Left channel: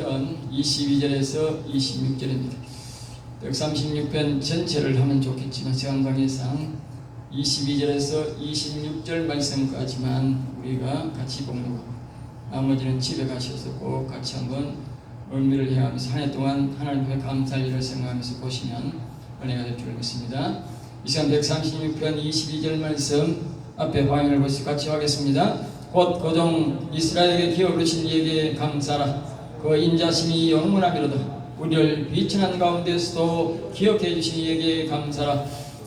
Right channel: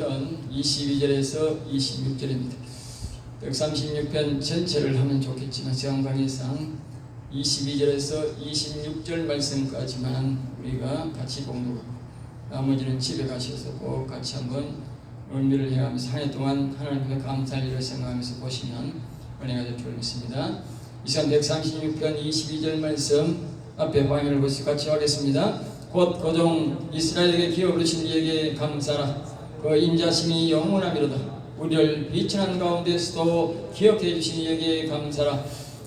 136편 22절에서 26절입니다. 136편 전체를 하면 좋겠지만 시간 관계상 22절에서 26절 말씀까지만 우리가 같이 공부하고 나머지는 집에 가셔서 꼭 같이 한번 의미를 해가면서 한 해 동안 하나님께 감사할 일을 생각하면서 보시면 은혜가 될 줄 믿습니다. 이 시간 136편 22절 말씀 앞에 화면을 보시 같이 하겠습니다. 곧 고종 이스라엘에게 기업으신 이에게 감사라. 그 인자심이 영원하미로다. 우리를 비천한 가운데서도 기억해 주신 이에게 감사라.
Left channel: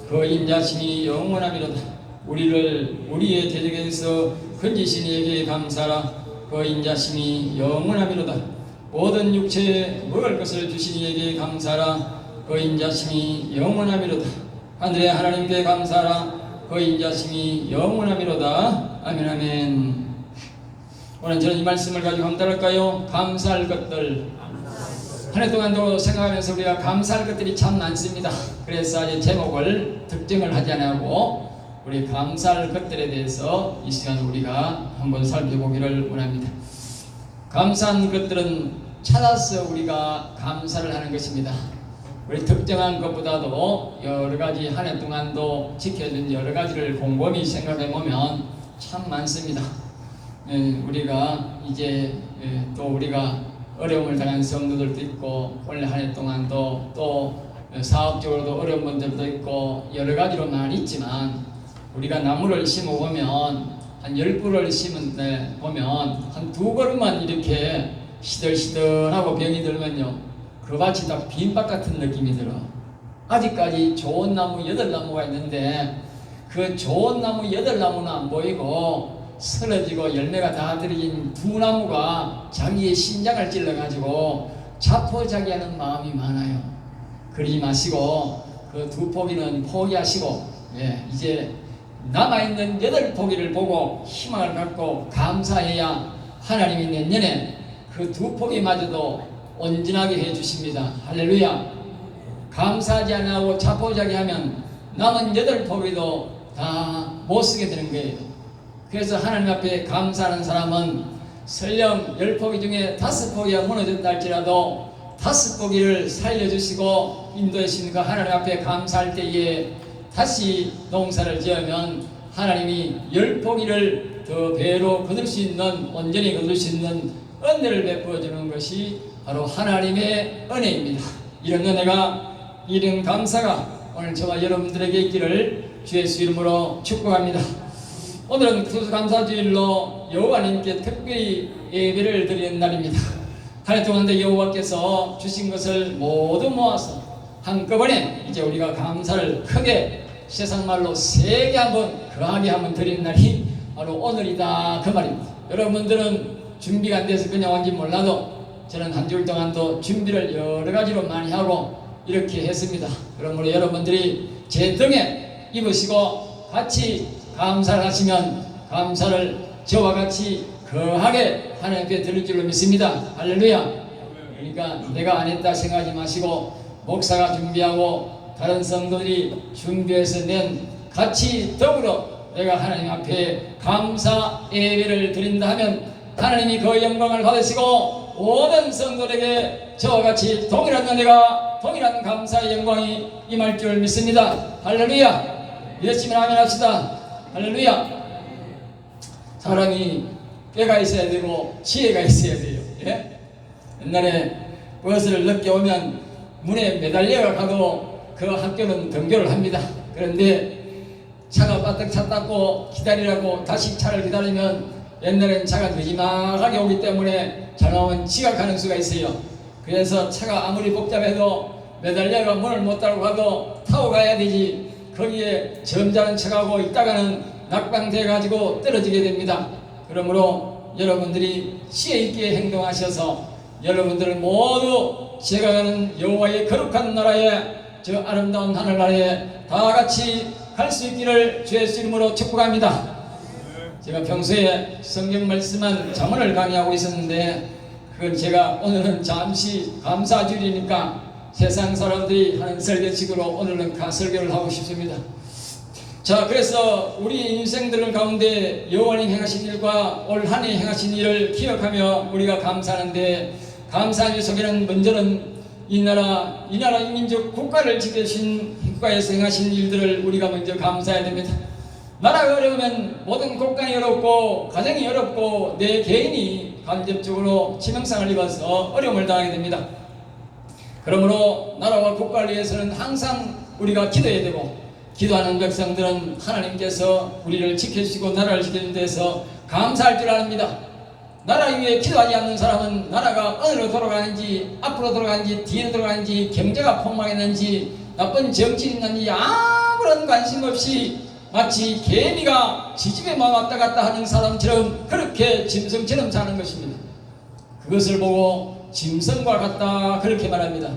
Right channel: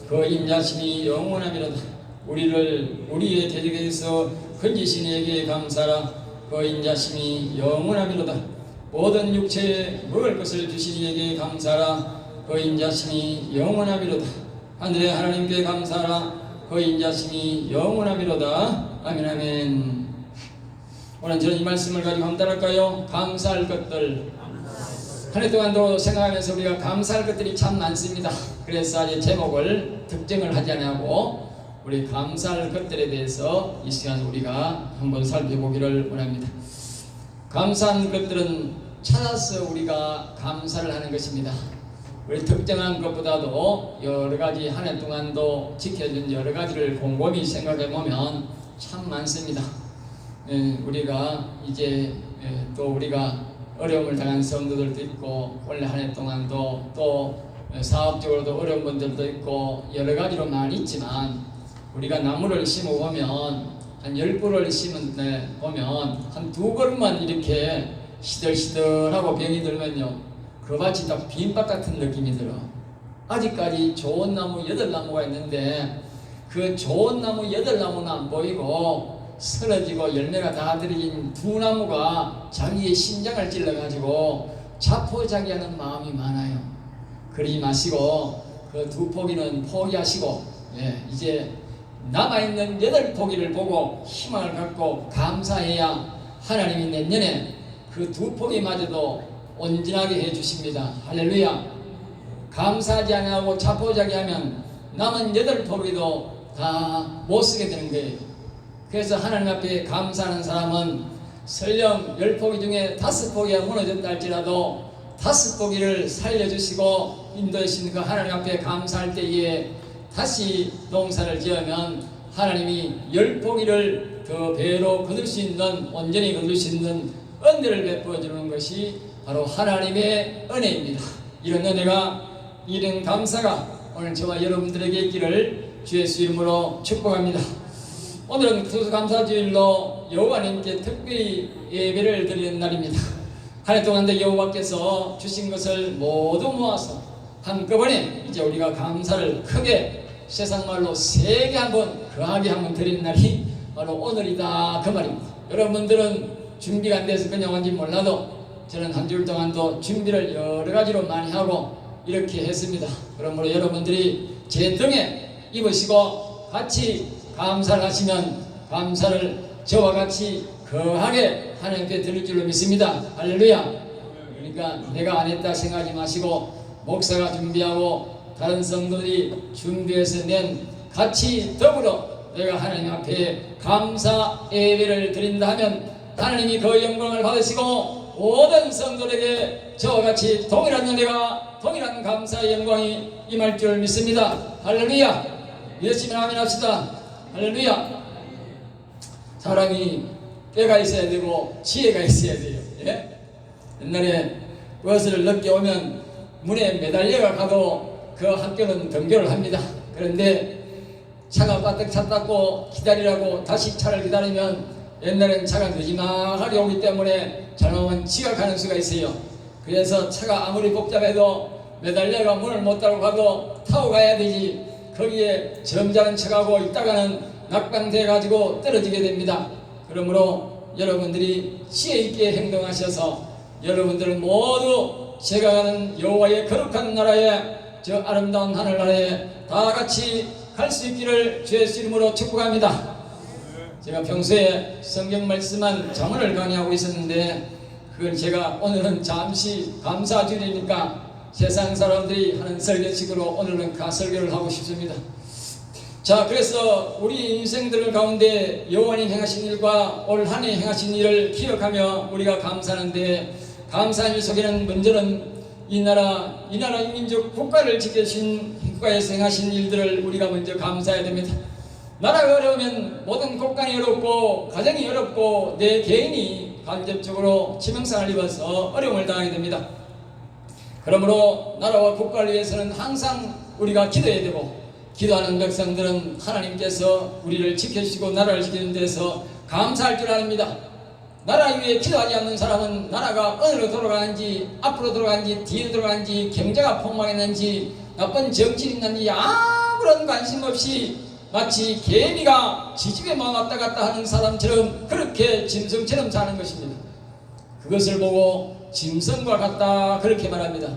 그 인자심이 영원하미로다. 우리를 우리의 대적에서 건지신 이에게 감사라. 그 인자심이 영원하미로다. 모든 육체에 먹을 것을 주신 이에게 감사라. 그 인자심이 영원하미로다. 하늘의 하나님께 감사라. 그 인자심이 영원하미로다. 아멘 아멘. 오늘 저는 이 말씀을 가지고 한번 따를까요? 감사할 것들. 한 해 동안도 생각하면서 우리가 감사할 것들이 참 많습니다. 그래서 아직 제목을 특정을 하지 않고 우리 감사할 것들에 대해서 이 시간 우리가 한번 살펴보기를 원합니다. 감사한 것들은 찾아서 우리가 감사를 하는 것입니다. 우리 특정한 것보다도 여러 가지 한 해 동안도 지켜준 여러 가지를 곰곰이 생각해 보면 참 많습니다. 우리가 이제 또 우리가 어려움을 당한 성도들도 있고 원래 한 해 동안도 또 사업적으로도 어려운 분들도 있고 여러 가지로 많이 있지만 우리가 나무를 심어보면 한 10그루를 심은 데 보면 한 2그루만 이렇게 시들시들하고 병이 들면요 그 밭이 다 빈밭 같은 느낌이 들어. 아직까지 좋은 나무 8나무가 있는데 그 좋은 나무 8나무는 안 보이고 쓰러지고 열매가 다 들어진 2나무가 자기의 심장을 찔러가지고 자포자기하는 마음이 많아요. 그러지 마시고 그 2포기는 포기하시고 이제 남아있는 8포기를 보고 희망을 갖고 감사해야 하나님이 내년에 그 2포기마저도 온전하게 해주십니다. 할렐루야. 감사하지 않고 자포자기하면 남은 8포기도 다 못쓰게 되는 거예요. 그래서 하나님 앞에 감사하는 사람은 설령 10포기 중에 5포기가 무너졌다 할지라도 5포기를 살려주시고 인도해 주신 그 하나님 앞에 감사할 때에 다시 농사를 지으면 하나님이 10포기를 더 배로 거둘 수 있는 온전히 거둘 수 있는 은혜를 베풀어 주는 것이 바로 하나님의 은혜입니다. 이런 은혜가 이런 감사가 오늘 저와 여러분들에게 있기를 주 예수 이름으로 축복합니다. 오늘은 추수감사주일로 여호와님께 특별히 예배를 드리는 날입니다. 한 해 동안 여호와께서 주신 것을 모두 모아서 한꺼번에 이제 우리가 감사를 크게 세상말로 세게 한번 거하게 한번 드리는 날이 바로 오늘이다 그 말입니다. 여러분들은 준비가 안 돼서 그냥 온지 몰라도 저는 한 주일 동안도 준비를 여러 가지로 많이 하고 이렇게 했습니다. 그러므로 여러분들이 제 등에 입으시고 같이 감사를 하시면 감사를 저와 같이 거하게 하나님께 드릴 줄로 믿습니다. 할렐루야. 그러니까 내가 안 했다 생각하지 마시고 목사가 준비하고 다른 성도들이 준비해서 낸 같이 더불어 내가 하나님 앞에 감사 예배를 드린다 하면 하나님이 그 영광을 받으시고 모든 성도들에게 저와 같이 동일한 은혜가 동일한 감사의 영광이 임할 줄 믿습니다. 할렐루야. 열심히 아멘 합시다. 할렐루야. 사람이 꾀가 있어야 되고 지혜가 있어야 돼요. 옛날에 버스를 늦게 오면 문에 매달려 가도 그 학교는 등교를 합니다. 그런데 차가 빠뜩 차 닦고 기다리라고 다시 차를 기다리면 옛날엔 차가 늦지막하게 오기 때문에 잘못하면 지각하는 수가 있어요. 그래서 차가 아무리 복잡해도 매달려가 문을 못 따고 가도 타고 가야 되지. 거기에 점잖은 척하고 있다가는 낙방돼 가지고 떨어지게 됩니다. 그러므로 여러분들이 지혜 있게 행동하셔서 여러분들은 모두 제가 가는 여호와의 거룩한 나라에 저 아름다운 하늘나라에 다 같이 갈 수 있기를 주의 이름으로 축복합니다. 제가 평소에 성경 말씀만 자문을 강의하고 있었는데 그건 제가 오늘은 잠시 감사주일이니까 세상 사람들이 하는 설교식으로 오늘은 설교를 하고 싶습니다. 자, 그래서 우리 인생들 가운데 여호와님 행하신 일과 올 한 해 행하신 일을 기억하며 우리가 감사하는데 감사의 속에는 먼저는 이 나라 민족 국가를 지켜주신 국가에서 행하신 일들을 우리가 먼저 감사해야 됩니다. 나라가 어려우면 모든 국가이 어렵고 가정이 어렵고 내 개인이 간접적으로 치명상을 입어서 어려움을 당하게 됩니다. 그러므로 나라와 국가를 위해서는 항상 우리가 기도해야 되고, 기도하는 백성들은 하나님께서 우리를 지켜주시고 나라를 지키는 데서 감사할 줄 압니다. 나라 위에 기도하지 않는 사람은 나라가 어디로 돌아가는지, 앞으로 돌아가는지, 뒤로 돌아가는지, 경제가 폭망했는지, 나쁜 정치인이 있는지 아무런 관심 없이 마치 개미가 지집에만 왔다 갔다 하는 사람처럼 그렇게 짐승처럼 사는 것입니다. 그것을 보고 짐승과 같다 그렇게 말합니다.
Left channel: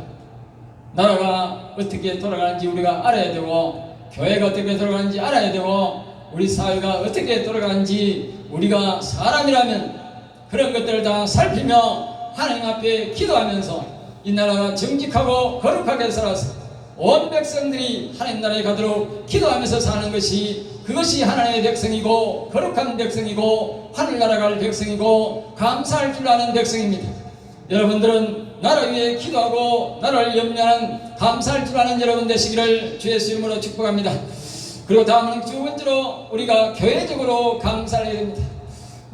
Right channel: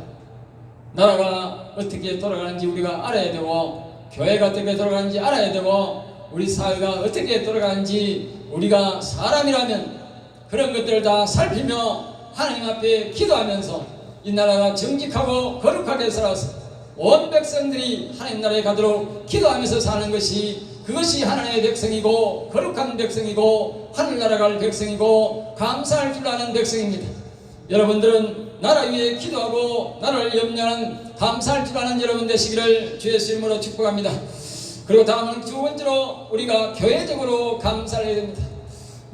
나라가 어떻게 돌아가는지 우리가 알아야 되고, 교회가 어떻게 돌아가는지 알아야 되고, 우리 사회가 어떻게 돌아가는지 우리가 사람이라면 그런 것들을 다 살피며 하나님 앞에 기도하면서 이 나라가 정직하고 거룩하게 살아서 온 백성들이 하나님 나라에 가도록 기도하면서 사는 것이, 그것이 하나님의 백성이고 거룩한 백성이고 하늘나라 갈 백성이고 감사할 줄 아는 백성입니다. 여러분들은 나라 위에 기도하고 나라를 염려하는 감사할 줄 아는 여러분 되시기를 주 예수 이름으로 축복합니다. 그리고 다음은 두 번째로 우리가 교회적으로 감사를 해야 됩니다.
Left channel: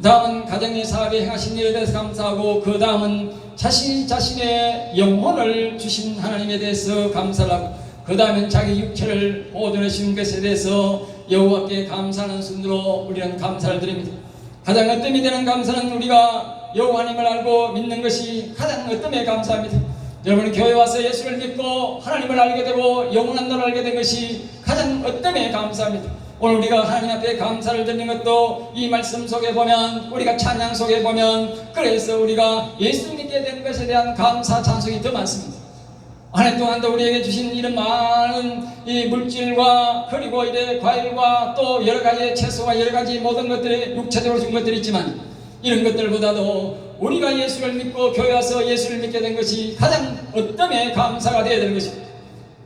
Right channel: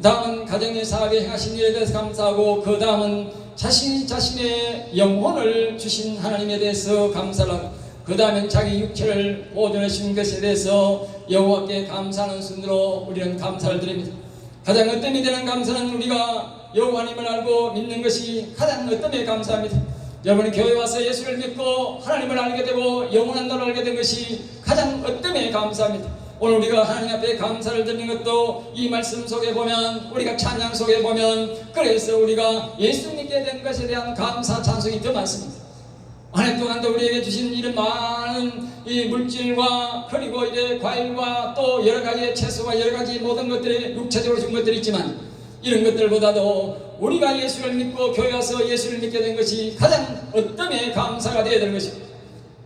다음은 가정의 사업에 행하신 일에 대해서 감사하고, 그 다음은 자신의 영혼을 주신 하나님에 대해서 감사를 하고, 그 다음은 자기 육체를 보존해 주신 것에 대해서 여호와께 감사하는 순으로 우리는 감사를 드립니다. 가장 어뜸이 되는 감사는 우리가 여호와님을 알고 믿는 것이 가장 어뜸에 감사합니다. 여러분이 교회 와서 예수를 믿고 하나님을 알게 되고 영원한 나라를 알게 된 것이 가장 어뜸에 감사합니다. 오늘 우리가 하나님 앞에 감사를 드리는 것도 이 말씀 속에 보면, 우리가 찬양 속에 보면, 그래서 우리가 예수 믿게 된 것에 대한 감사 찬송이 더 많습니다. 한 해 동안도 우리에게 주신 이런 많은 이 물질과 그리고 이래 과일과 또 여러 가지 채소와 여러 가지 모든 것들이 육체적으로 준 것들이 있지만, 이런 것들보다도 우리가 예수를 믿고 교회 와서 예수를 믿게 된 것이 가장 어떤 감사가 되어야 되는 것입니다.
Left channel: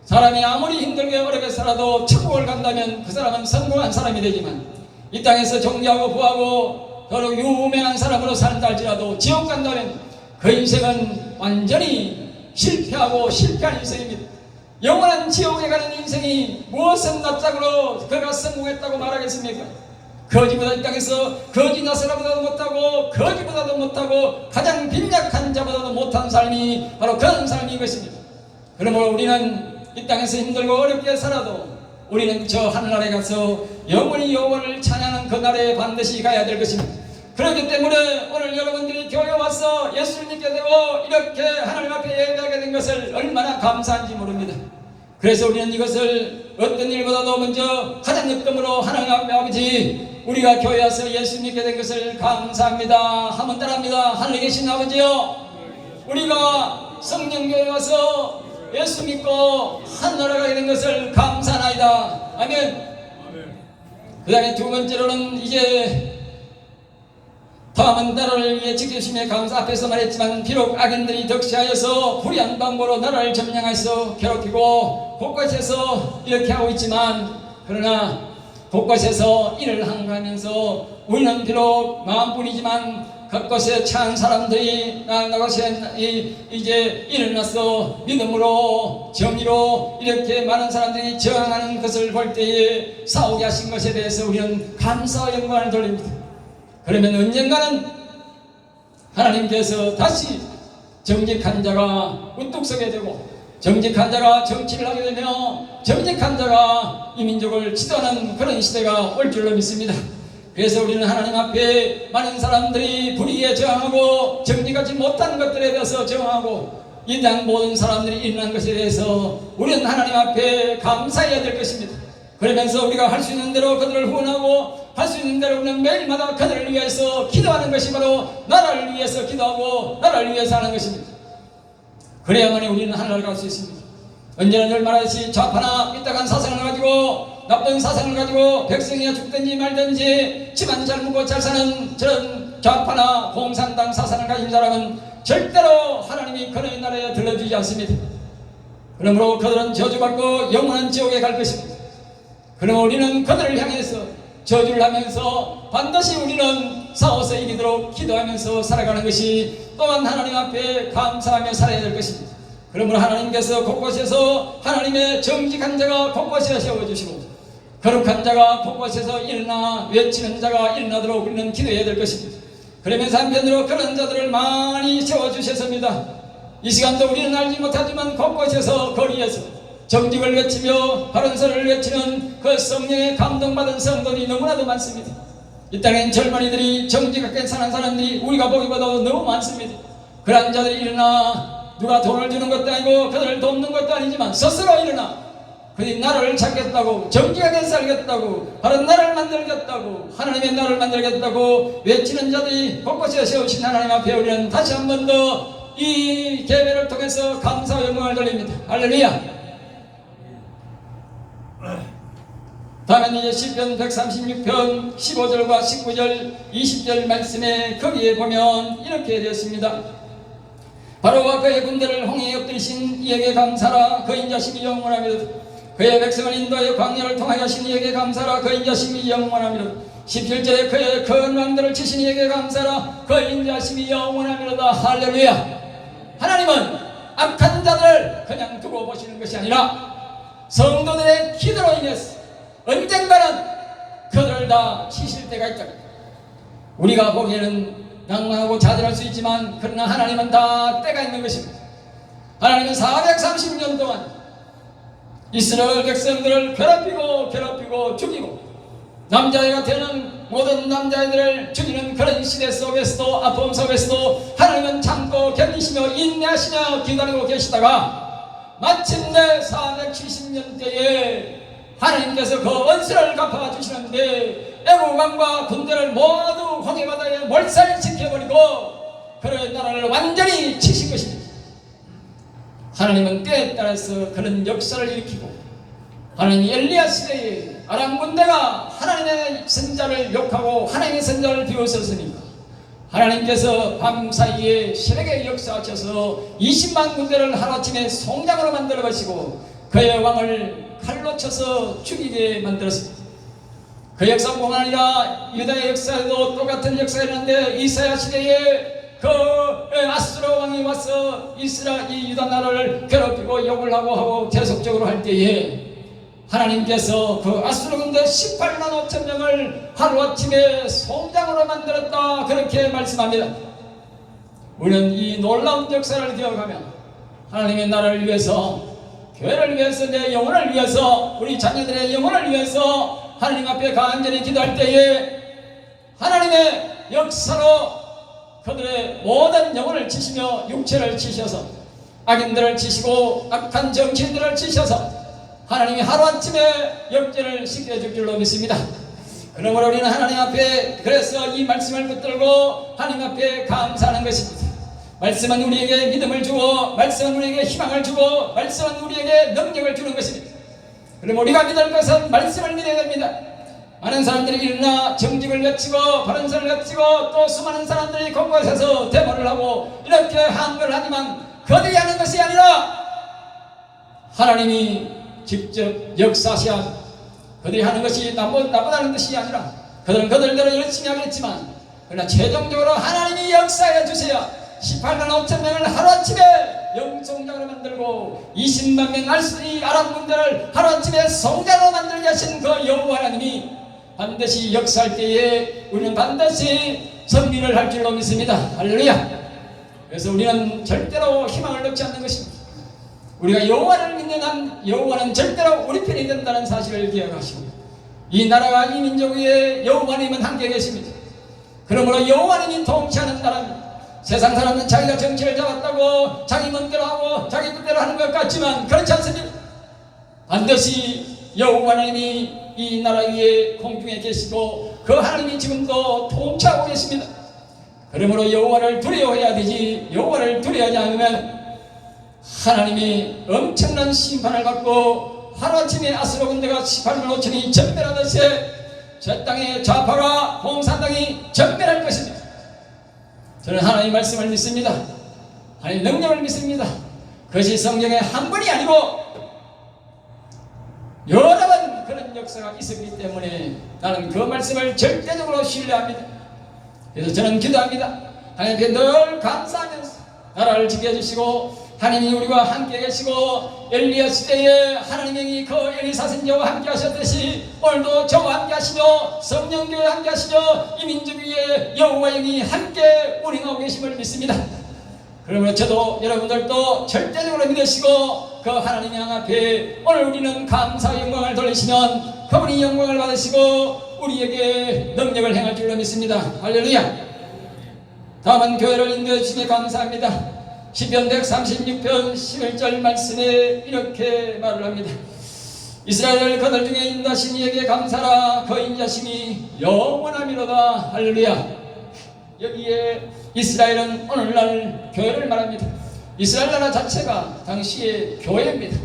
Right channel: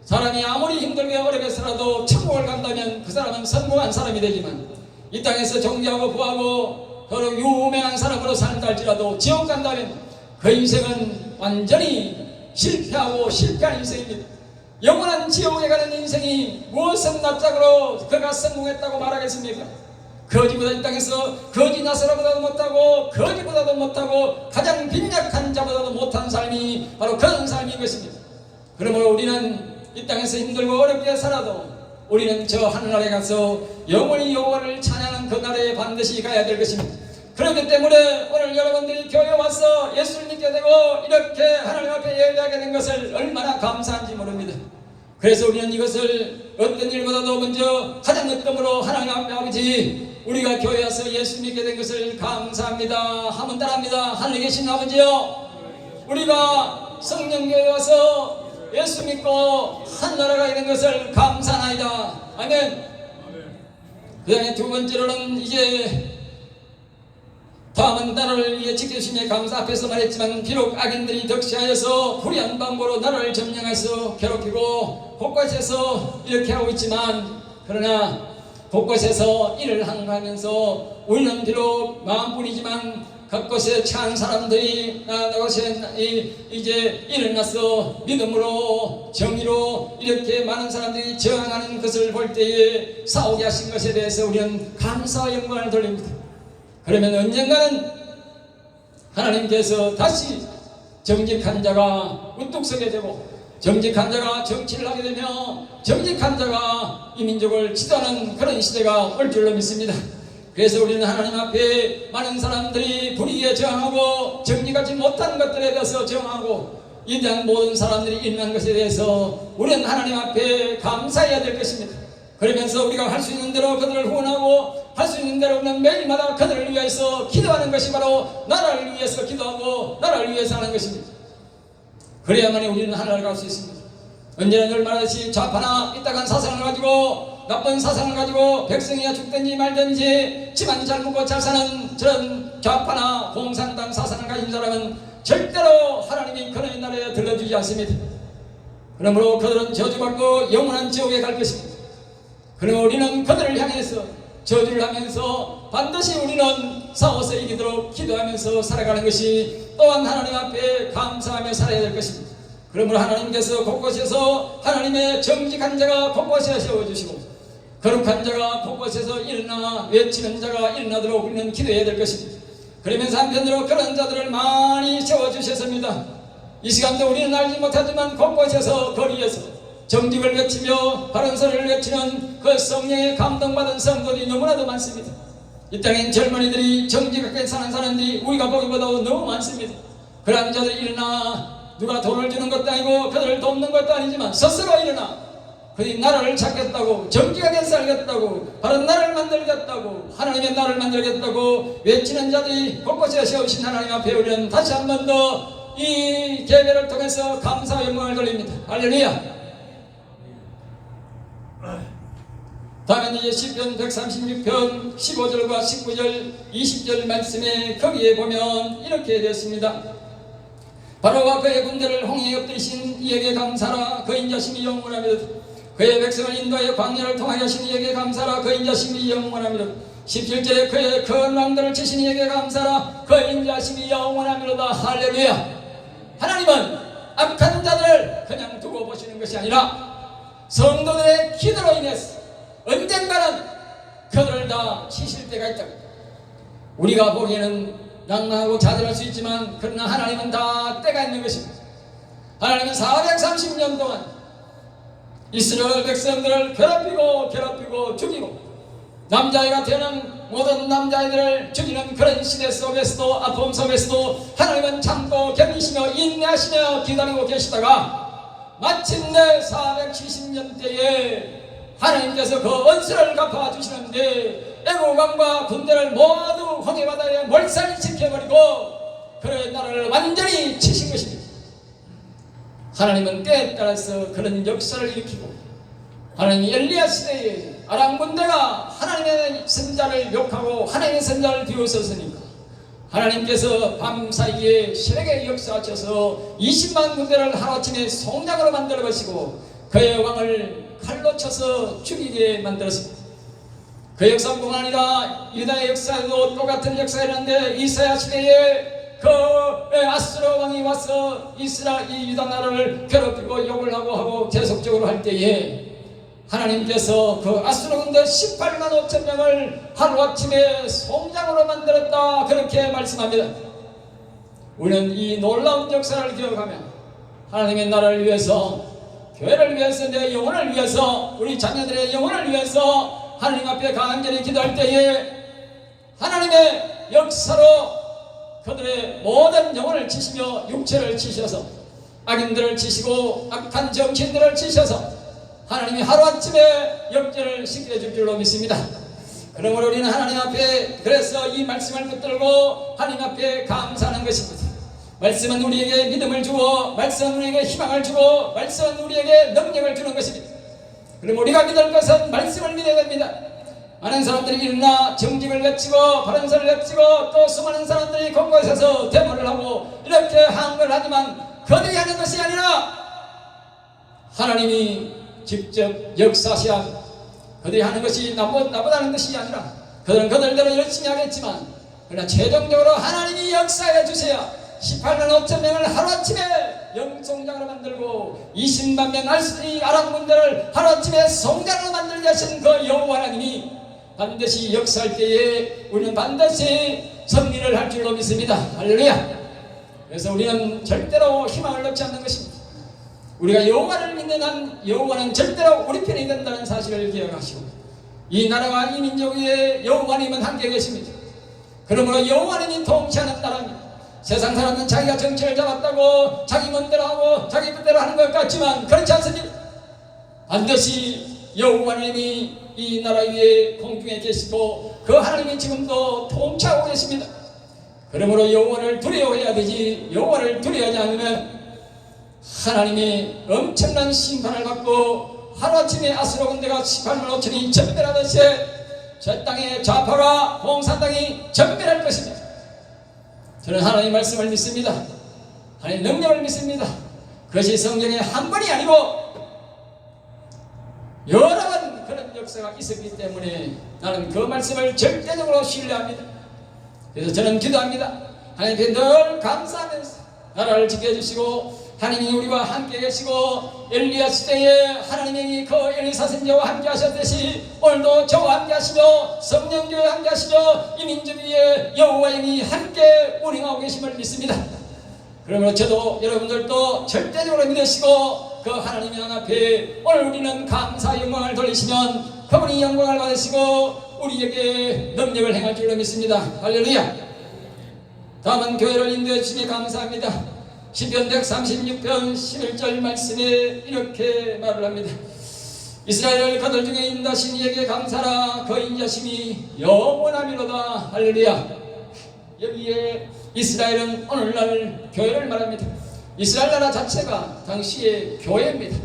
사람이 아무리 힘들게 어렵게 살아도 천국을 간다면 그 사람은 성공한 사람이 되지만, 이 땅에서 존귀하고 부하고 더러 유명한 사람으로 산다 할지라도 지옥 간다면 그 인생은 완전히 실패하고 실패한 인생입니다. 영원한 지옥에 가는 인생이 무엇은 낯짝으로 그가 성공했다고 말하겠습니까? 거지보다 이 땅에서 거지 나사라보다도 못하고 거지보다도 못하고 가장 빈약한 자보다도 못한 삶이 바로 그런 삶인 것입니다. 그러므로 우리는 이 땅에서 힘들고 어렵게 살아도 우리는 저 하늘나라에 가서 영원히 여호와를 찬양하는 그 날에 반드시 가야 될 것입니다. 그렇기 때문에 오늘 여러분들이 교회에 와서 예수를 믿게 되고 이렇게 하나님 앞에 예배하게 된 것을 얼마나 감사한지 모릅니다. 그래서 우리는 이것을 어떤 일보다도 먼저 가장 어떤 하나님 앞에 아버지, 우리가 교회에 와서 예수 믿게 된 것을 감사합니다 하면 따라합니다. 하늘에 계신 아버지요, 우리가 성령교회에 와서 예수 믿고 하늘나라 가게 된 것을 감사하나이다. 아멘. 그 다음에 두 번째로는 이제 다음은 나라를 위해 지켜주심에 감사. 앞에서 말했지만 비록 악인들이 덕시하여서 불의한 방법으로 나라를 점령해서 괴롭히고 곳곳에서 이렇게 하고 있지만, 그러나 곳곳에서 일을 항거하면서 우리는 비록 마음뿐이지만 그곳에 처한 사람들이 나곳에 이제 일어나서 믿음으로 정의로 이렇게 많은 사람들이 저항하는 것을 볼 때에 싸우게 하신 것에 대해서 우리는 감사와 영광을 돌립니다. 그러면 언젠가는 하나님께서 다시 정직한 자가 우뚝 서게 되고, 정직한 자가 정치를 하게 되며 정직한 자가 이 민족을 지도하는 그런 시대가 올 줄로 믿습니다. 그래서 우리는 하나님 앞에 많은 사람들이 불의에 저항하고 정직하지 못한 것들에 대해서 저항하고 이러한 모든 사람들이 일어난 것에 대해서 우리는 하나님 앞에 감사해야 될 것입니다. 그러면서 우리가 할 수 있는 대로 그들을 후원하고 할 수 있는 대로 매일마다 그들을 위해서 기도하는 것이 바로 나라를 위해서 기도하고 나라를 위해서 하는 것입니다. 그래야만이 우리는 하늘나라를 갈 수 있습니다. 언제나 늘 말하듯이 좌파나 삐딱한 사상을 가지고 나쁜 사상을 가지고 백성이 죽든지 말든지 집안 잘 묵고 잘 사는 저런 좌파나 공산당 사상을 가진 사람은 절대로 하나님이 그의 나라에 들러주지 않습니다. 그러므로 그들은 저주받고 영원한 지옥에 갈 것입니다. 그러므로 우리는 그들을 향해서 저주를 하면서 반드시 우리는 싸워서 이기도록 기도하면서 살아가는 것이 또한 하나님 앞에 감사하며 살아야 될 것입니다. 그러므로 하나님께서 곳곳에서 하나님의 정직한 자가 곳곳에 세워주시고 거룩한 자가 곳곳에서 일어나 외치는 자가 일어나도록 우리는 기도해야 될 것입니다. 그러면서 한편으로 그런 자들을 많이 세워주셨습니다. 이 시간도 우리는 알지 못하지만 곳곳에서 거리에서 정직을 외치며 바른소리를 외치는 그 성령의 감동받은 성도들이 너무나도 많습니다. 이 땅엔 젊은이들이 정직하게 사는 사람들이 우리가 보기보다도 너무 많습니다. 그런 자들이 일어나 누가 돈을 주는 것도 아니고 그들을 돕는 것도 아니지만 스스로 일어나 그들이 나라를 찾겠다고 정직하게 살겠다고 바른 나라를 만들겠다고 하나님의 나라를 만들겠다고 외치는 자들이 곳곳에 세우신 하나님 앞에 우리는 다시 한 번 더 이 예배를 통해서 감사와 영광을 돌립니다. 할렐루야. 다음은 이제 시편 136편 15절과 19절 20절 말씀에 거기에 보면 이렇게 되었습니다. 바로와 그의 군대를 홍해에 엎드리신 이에게 감사라. 그 인자심이 영원하며 그의 백성을 인도하여 광야를 통하게 하신 이에게 감사라. 그 인자심이 영원하며 17절에 그의 큰 왕들을 치신 이에게 감사라. 그 인자심이 영원하며다. 할렐루야. 하나님은 악한 자들을 그냥 두고 보시는 것이 아니라 성도들의 기도로 인해서 언젠가는 그들을 다 치실 때가 있다. 우리가 보기에는 낭망하고 자들할 수 있지만 그러나 하나님은 다 때가 있는 것입니다. 하나님은 430년 동안 이스라엘 백성들을 괴롭히고 죽이고 남자애가 되는 모든 남자애들을 죽이는 그런 시대 속에서도 아픔 속에서도 하나님은 참고 견디시며 인내하시며 기다리고 계시다가 마침내 470년 때에 하나님께서 그 원수를 갚아 주시는데 애국 왕과 군대를 모두 홍해바다에 몰살시켜버리고 그의 나라를 완전히 치신 것입니다. 하나님은 때에 따라서 그런 역사를 일으키고 하나님이 엘리야 시대에 아람 군대가 하나님의 선자를 욕하고 하나님의 선자를 비웃었으니 하나님께서 밤사이에 새벽에 역사하셔서 20만 군대를 하루아침에 송장으로 만들어 가시고 그의 왕을 칼로 쳐서 죽이게 만들었습니다. 그 역사뿐 아니라 유다의 역사에도 똑같은 역사가 있는데 이사야 시대에 그 아수르 왕이 와서 이 유다 나라를 괴롭히고 욕을 하고 계속적으로 할 때에 하나님께서 그 아수르 군대 18만 5천 명을 하루아침에 송장으로 만들었다 그렇게 말씀합니다. 우리는 이 놀라운 역사를 기억하며 하나님의 나라를 위해서 교회를 위해서 내 영혼을 위해서 우리 자녀들의 영혼을 위해서 하나님 앞에 간절히 기도할 때에 하나님의 역사로 그들의 모든 영혼을 치시며 육체를 치셔서 악인들을 치시고 악한 정치인들을 치셔서 하나님이 하루아침에 역전을 시켜줄 줄로 믿습니다. 그러므로 우리는 하나님 앞에 그래서 이 말씀을 붙들고 하나님 앞에 감사하는 것입니다. 말씀은 우리에게 믿음을 주고 말씀은 우리에게 희망을 주고 말씀은 우리에게 능력을 주는 것입니다. 그럼 우리가 믿을 것은 말씀을 믿어야 됩니다. 많은 사람들이 일어나 정직을 외치고 바른소리를 외치고 또 수많은 사람들이 곳곳에서 데모를 하고 이렇게 한걸 하지만 그들이 하는 것이 아니라 하나님이 직접 역사하셔야 그들이 하는 것이 나보다는 것이 아니라 그들은 그들대로 열심히 하겠지만 그러나 최종적으로 하나님이 역사해 주셔야 18만 5천 명을 하루아침에 영성장으로 만들고 20만 명 이 아람 군대를 하루아침에 성장으로 만들게 하신 그 여호와 하나님이 반드시 역사할 때에 우리는 반드시 승리를 할 줄로 믿습니다. 할렐루야. 그래서 우리는 절대로 희망을 놓지 않는 것입니다. 우리가 여호와를 믿는 한 여호와는 절대로 우리 편이 된다는 사실을 기억하시고 이 나라와 이 민족 위에 여호와님은 함께 계십니다. 그러므로 여호와님이 통치하는 나라입니다. 세상 사람은 자기가 정치를 잡았다고 자기 마음대로 하고 자기 뜻대로 하는 것 같지만 그렇지 않습니다. 반드시 여호와님이 이 나라 위에 공중에 계시고 그 하나님이 지금도 통치하고 계십니다. 그러므로 여호와를 두려워해야 되지 여호와를 두려워하지 않으면 하나님이 엄청난 심판을 받고 하루아침에 아수르 군대가 18만 5천이 전멸하듯이 저 땅의 좌파가 공산당이 전멸할 것입니다. 저는 하나님 말씀을 믿습니다. 하나님 능력을 믿습니다. 그것이 성경에 한 번이 아니고 여러 번 그런 역사가 있었기 때문에 나는 그 말씀을 절대적으로 신뢰합니다. 그래서 저는 기도합니다. 하나님께 늘 감사하면서 나라를 지켜주시고 하나님이 우리와 함께 계시고 엘리야 시대에 하나님이 그 엘리사 선지자와 함께 하셨듯이 오늘도 저와 함께 하시며 성령교회와 함께 하시며 이 민족 위에 여호와 영이 함께 운행하고 계심을 믿습니다. 그러므로 저도 여러분들도 절대적으로 믿으시고 그 하나님 양 앞에 오늘 우리는 감사 영광을 돌리시면 그분이 영광을 받으시고 우리에게 능력을 행할 줄로 믿습니다. 할렐루야. 다음은 교회를 인도해 주시기에 감사합니다. 시편 136편 11절 말씀에 이렇게 말을 합니다. 이스라엘 그들 중에 인자신 이에게 감사라. 그 인자심이 영원하미로다. 할렐루야. 여기에 이스라엘은 오늘날 교회를 말합니다. 이스라엘 나라 자체가 당시의 교회입니다.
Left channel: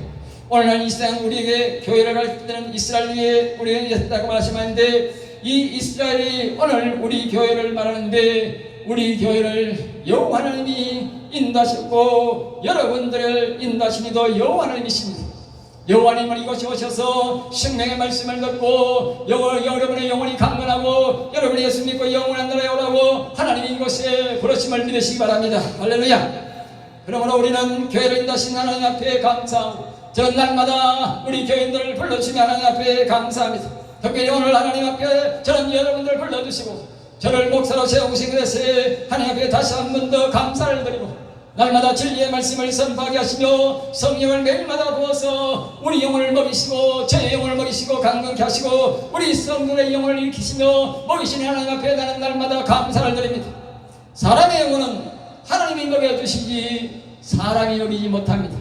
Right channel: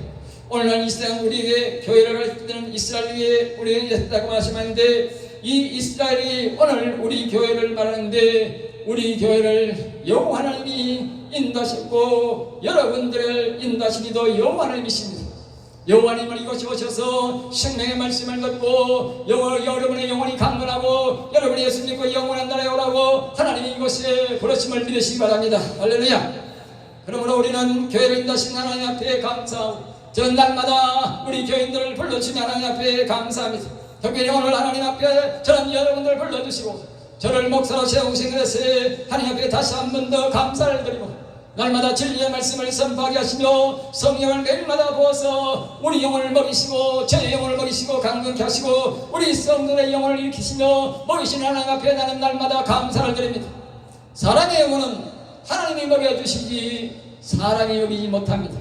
오늘날 이스라엘은 우리에게 교회를 가르칠 때는 이스라엘 위에 우리에게 있다고 말씀하는데 이 이스라엘이 오늘 우리 교회를 말하는데 우리 교회를 여호와 하나님이 인도하셨고 여러분들을 인도하시기도 여호와 하나님이십니다. 여호와 하나님은 이곳에 오셔서 생명의 말씀을 듣고 여러분의 영혼이 강건하고 여러분의 예수 믿고 영원한 나라에 오라고 하나님이 이곳에 부르심을 드리시기 바랍니다. 할렐루야. 그러므로 우리는 교회를 인도하신 하나님 앞에 감사하고 저는 날마다 우리 교인들을 불러주시며 하나님 앞에 감사합니다. 특별히 오늘 하나님 앞에 저는 여러분들을 불러주시고 저를 목사로 세우신 것에 하나님 앞에 다시 한 번 더 감사를 드리고 날마다 진리의 말씀을 선포하게 하시며 성령을 매일마다 부어서 우리 영혼을 먹이시고 제 영혼을 먹이시고 강건케 하시고 우리 성도의 영혼을 일으키시며 먹이시는 하나님 앞에 나는 날마다 감사를 드립니다. 사람의 영혼은 하나님이 먹여주시지 사람이 먹이지 못합니다.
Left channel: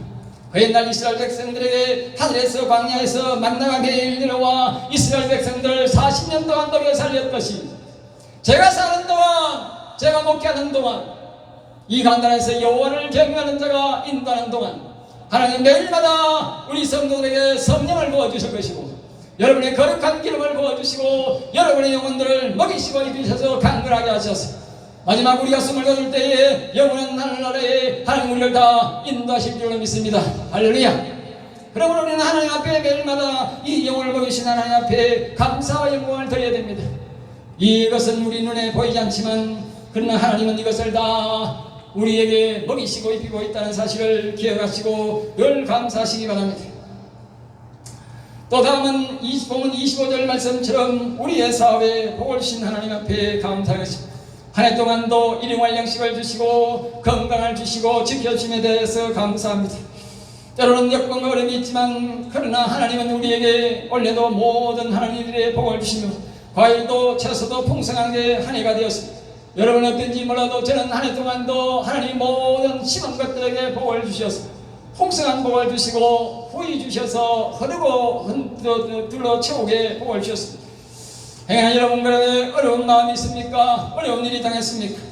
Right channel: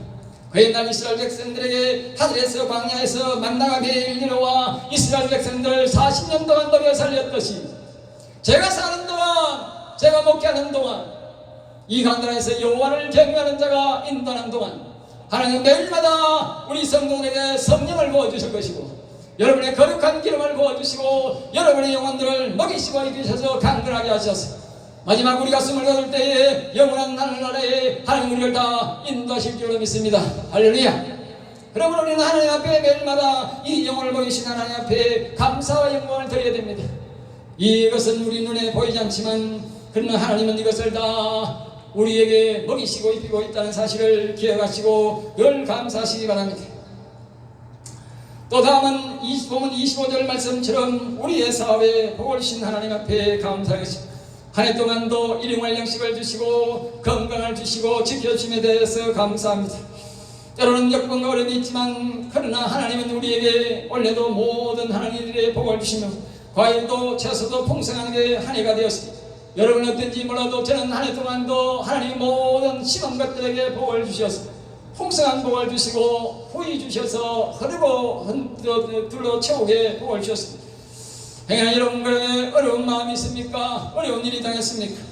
그 옛날 이스라엘 백성들에게 하늘에서 광야에서 만나가 매일 내려와 이스라엘 백성들을 40년 동안 먹여 살렸듯이 제가 사는 동안 제가 목회하는 동안 이 강단에서 여호와를 경외하는 자가 인도하는 동안 하나님 매일마다 우리 성도들에게 성령을 부어주실 것이고 여러분의 거룩한 기름을 부어주시고 여러분의 영혼들을 먹이시고 입히셔서 강건하게 하셔서 마지막 우리가 숨을 거둘 때에 영원한 하늘나라에 하나님 우리를 다 인도하실 줄로 믿습니다. 할렐루야. 그러므로 우리는 하나님 앞에 매일마다 이 영혼을 먹이신 하나님 앞에 감사와 영광을 드려야 됩니다. 이것은 우리 눈에 보이지 않지만 그러나 하나님은 이것을 다 우리에게 먹이시고 입히고 있다는 사실을 기억하시고 늘 감사하시기 바랍니다. 또 다음은 25절 말씀처럼 우리의 사업에 복을 주신 하나님 앞에 감사하겠습니다. 한 해 동안도 일용할 양식을 주시고 건강을 주시고 지켜주심에 대해서 감사합니다. 때로는 역경과 어려움이 있지만 그러나 하나님은 우리에게 올해도 모든 하나님들의 복을 주시며 과일도 채소도 풍성하게 한 해가 되었습니다. 여러분 어떤지 몰라도 저는 한 해 동안도 하나님 모든 심은 것들에게 복을 주셔서 풍성한 복을 주시고 후이 주셔서 흐르고 둘러 채우게 복을 주셨습니다. 행여나 여러분들의 어려운 마음이 있습니까? 어려운 일이 당했습니까?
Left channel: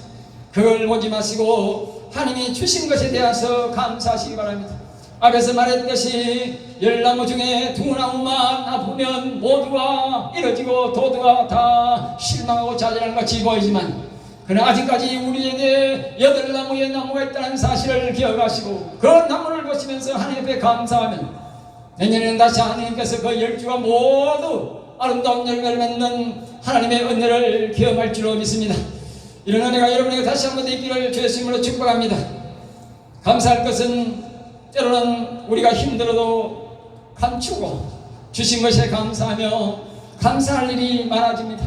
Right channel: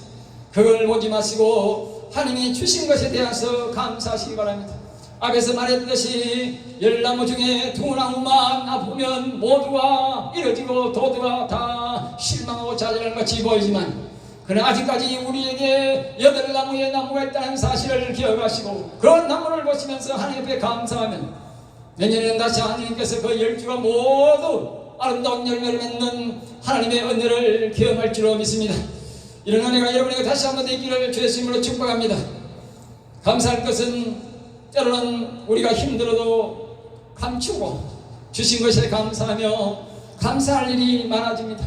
그걸 보지 마시고 하나님이 주신 것에 대해서 감사하시기 바랍니다. 앞에서 말했듯이 열나무 중에 두 나무만 아프면 모두가 이뤄지고 도두가 다 실망하고 좌절하는 것이 보이지만 그러나 아직까지 우리에게 8나무의 나무가 있다는 사실을 기억하시고 그 나무를 보시면서 하나님 앞에 감사하면 내년에는 다시 하나님께서 그 10주가 모두 아름다운 열매를 맺는 하나님의 은혜를 경험할 줄로 믿습니다. 이런 은혜가 여러분에게 다시 한번 있기를 주의 이름으로 축복합니다. 감사할 것은 때로는 우리가 힘들어도 감추고 주신 것에 감사하며 감사할 일이 많아집니다.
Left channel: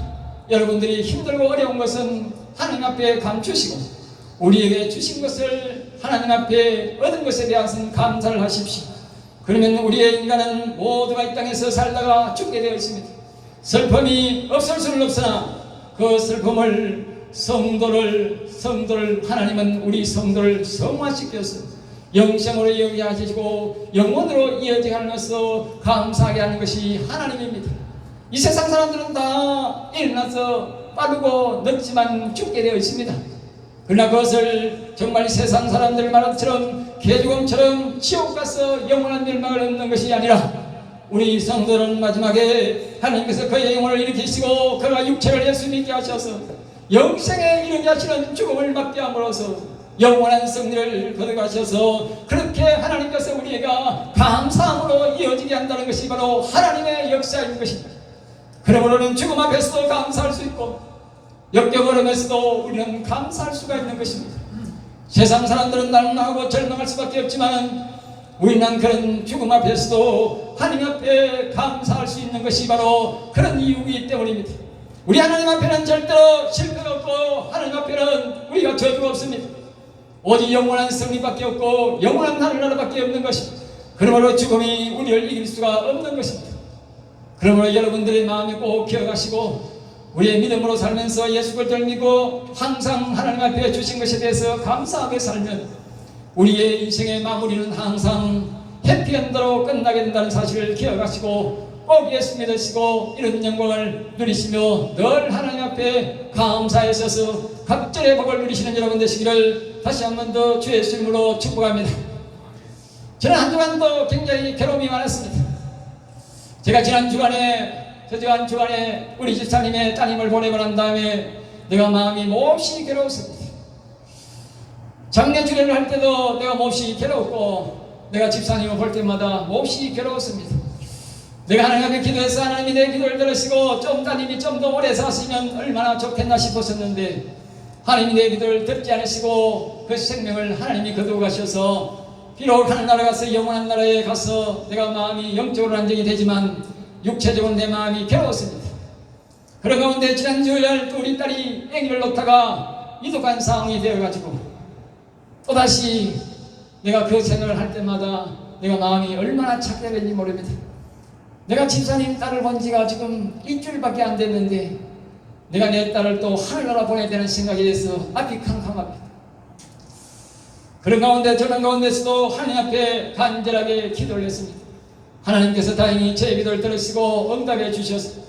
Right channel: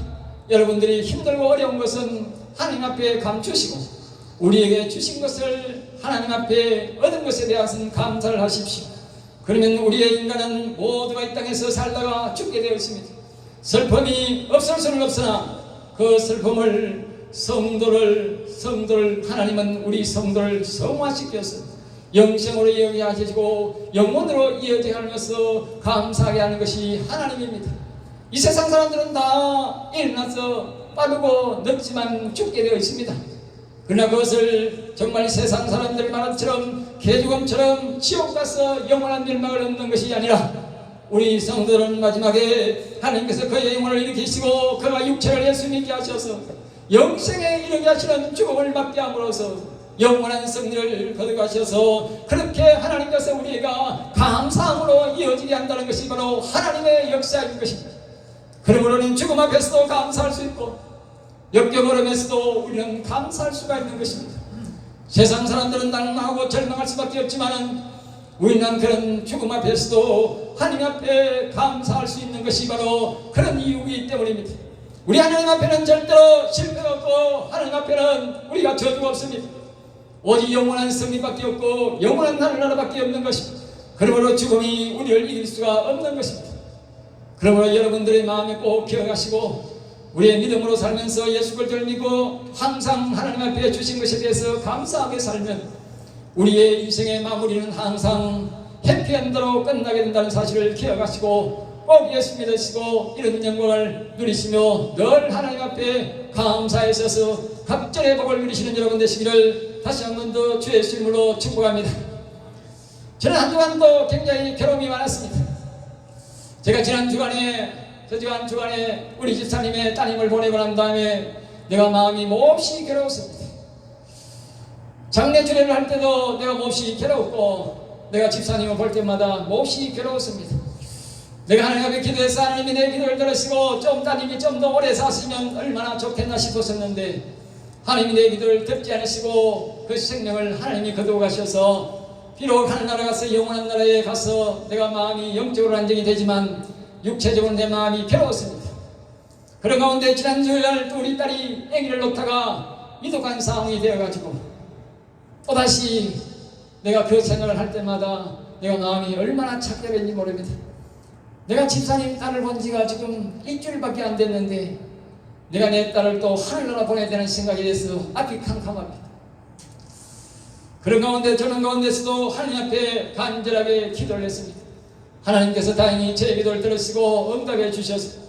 여러분들이 힘들고 어려운 것은 하나님 앞에 감추시고 우리에게 주신 것을 하나님 앞에 얻은 것에 대해서는 감사를 하십시오. 그러면 우리의 인간은 모두가 이 땅에서 살다가 죽게 되어 있습니다. 슬픔이 없을 수는 없으나 그 슬픔을 성도를 하나님은 우리 성도를 성화시켜서 영생으로 이어지게 하시고 영원으로 이어지게 하면서 감사하게 하는 것이 하나님입니다. 이 세상 사람들은 다 일어나서 빠르고 늙지만 죽게 되어 있습니다. 그러나 그것을 정말 세상 사람들 말처럼 개죽음처럼 지옥 가서 영원한 멸망을 얻는 것이 아니라 우리 성도는 마지막에 하나님께서 그의 영혼을 일으키시고 그가 육체를 예수 믿게 하셔서 영생에 이르게 하시는 죽음을 맞게 함으로써 영원한 승리를 거둬가셔서 그렇게 하나님께서 우리가 감사함으로 이어지게 한다는 것이 바로 하나님의 역사인 것입니다. 그러므로는 죽음 앞에서도 감사할 수 있고 역경어려움에서도 우리는 감사할 수가 있는 것입니다. 세상 사람들은 낙망하고 절망할 수밖에 없지만 우리는 그런 죽음 앞에서도 하나님 앞에 감사할 수 있는 것이 바로 그런 이유이기 때문입니다. 우리 하나님 앞에는 절대로 실패가 없고 하나님 앞에는 우리가 저주가 없습니다. 오직 영원한 승리밖에 없고 영원한 하늘나라밖에 없는 것입니다. 그러므로 죽음이 우리를 이길 수가 없는 것입니다. 그러므로 여러분들의 마음에 꼭 기억하시고 우리의 믿음으로 살면서 예수 그리스도를 믿고 항상 하나님 앞에 주신 것에 대해서 감사하게 살면 우리의 인생의 마무리는 항상 해피엔드로 끝나게 된다는 사실을 기억하시고 꼭 예수 믿으시고 이런 영광을 누리시며 늘 하나님 앞에 감사에 있어서 각절의 복을 누리시는 여러분 되시기를 다시 한 번 더 주의 이름으로 축복합니다. 저는 한동안도 굉장히 괴로움이 많았습니다. 제가 지난 주간에 우리 집사님의 따님을 보내고 난 다음에 내가 마음이 몹시 괴로웠습니다. 장례 주례를 할 때도 내가 몹시 괴로웠고 내가 집사님을 볼 때마다 몹시 괴로웠습니다. 내가 하나님 앞에 기도해서 하나님이 내 기도를 들으시고 좀 따님이 좀 더 오래 사시면 얼마나 좋겠나 싶었었는데 하나님이 내 기도를 듣지 않으시고 그 생명을 하나님이 거두어가셔서 비록 하늘나라 가서 영원한 나라에 가서 내가 마음이 영적으로 안정이 되지만 육체적으로 내 마음이 괴로웠습니다. 그런 가운데 지난 주일날 우리 딸이 아기를 놓다가 위독한 상황이 되어가지고 또다시 내가 그 생각을 할 때마다 내가 마음이 얼마나 착잡했는지 모릅니다. 내가 집사님 딸을 본 지가 지금 일주일밖에 안 됐는데 내가 내 딸을 또 하늘나라 보내야 되는 생각에 대해서 앞이 캄캄합니다. 그런 가운데 저런 가운데서도 하나님 앞에 간절하게 기도를 했습니다. 하나님께서 다행히 제 기도를 들으시고 응답해 주셔서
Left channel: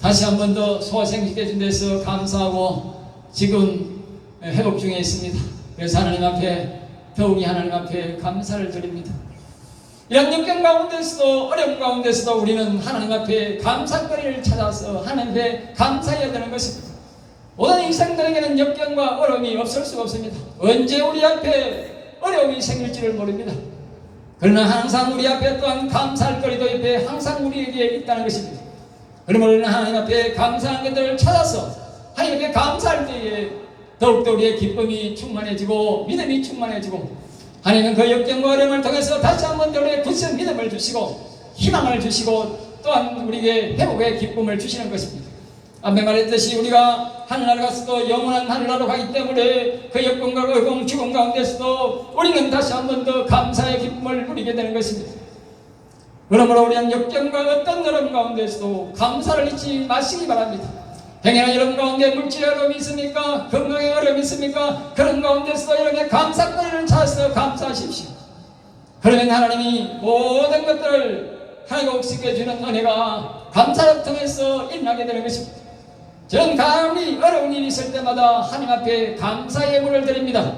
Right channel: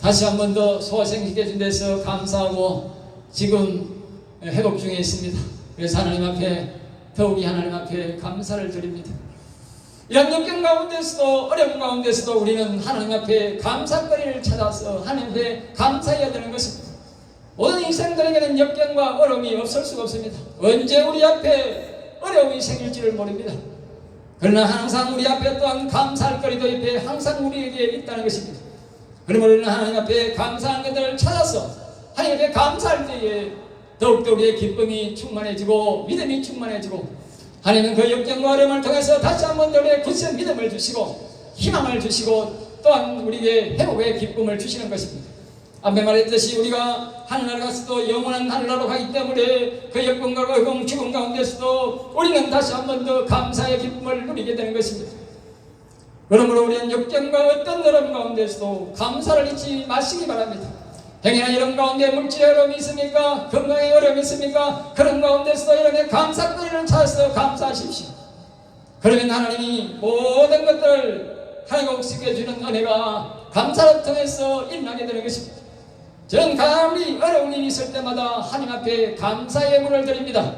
다시 한 번 더 소생시켜 준 데서 감사하고 지금 회복 중에 있습니다. 그래서 하나님 앞에 더욱이 하나님 앞에 감사를 드립니다. 이런 역경 가운데서도 어려움 가운데서도 우리는 하나님 앞에 감사거리를 찾아서 하나님 앞에 감사해야 되는 것입니다. 모든 인생들에게는 역경과 어려움이 없을 수가 없습니다. 언제 우리 앞에 어려움이 생길지를 모릅니다. 그러나 항상 우리 앞에 또한 감사할 거리도 옆에 항상 우리에게 있다는 것입니다. 그러므로 우리는 하나님 앞에 감사하는 것들을 찾아서 하나님 앞에 감사할 때에 더욱더 우리의 기쁨이 충만해지고 믿음이 충만해지고 하나님은 그 역경과 어려움을 통해서 다시 한번 더 우리의 굳은 믿음을 주시고 희망을 주시고 또한 우리에게 회복의 기쁨을 주시는 것입니다. 앞에 말했듯이 우리가 하늘나라 가서도 영원한 하늘나라로 가기 때문에 그 역경과 어려움 죽음 가운데서도 우리는 다시 한번 더 감사의 기쁨을 누리게 되는 것입니다. 그러므로 우리는 역경과 어떤 어려움 가운데서도 감사를 잊지 마시기 바랍니다. 행여나 여러분 가운데 물질의 어려움이 있습니까? 건강의 어려움이 있습니까? 그런 가운데서도 여러분의 감사거리를 찾아서 감사하십시오. 그러면 하나님이 모든 것들을 회복시켜 주는 은혜가 감사를 통해서 일어나게 되는 것입니다. 저는 감히 어려운 일이 있을 때마다 하나님 앞에 감사의 문을 드립니다.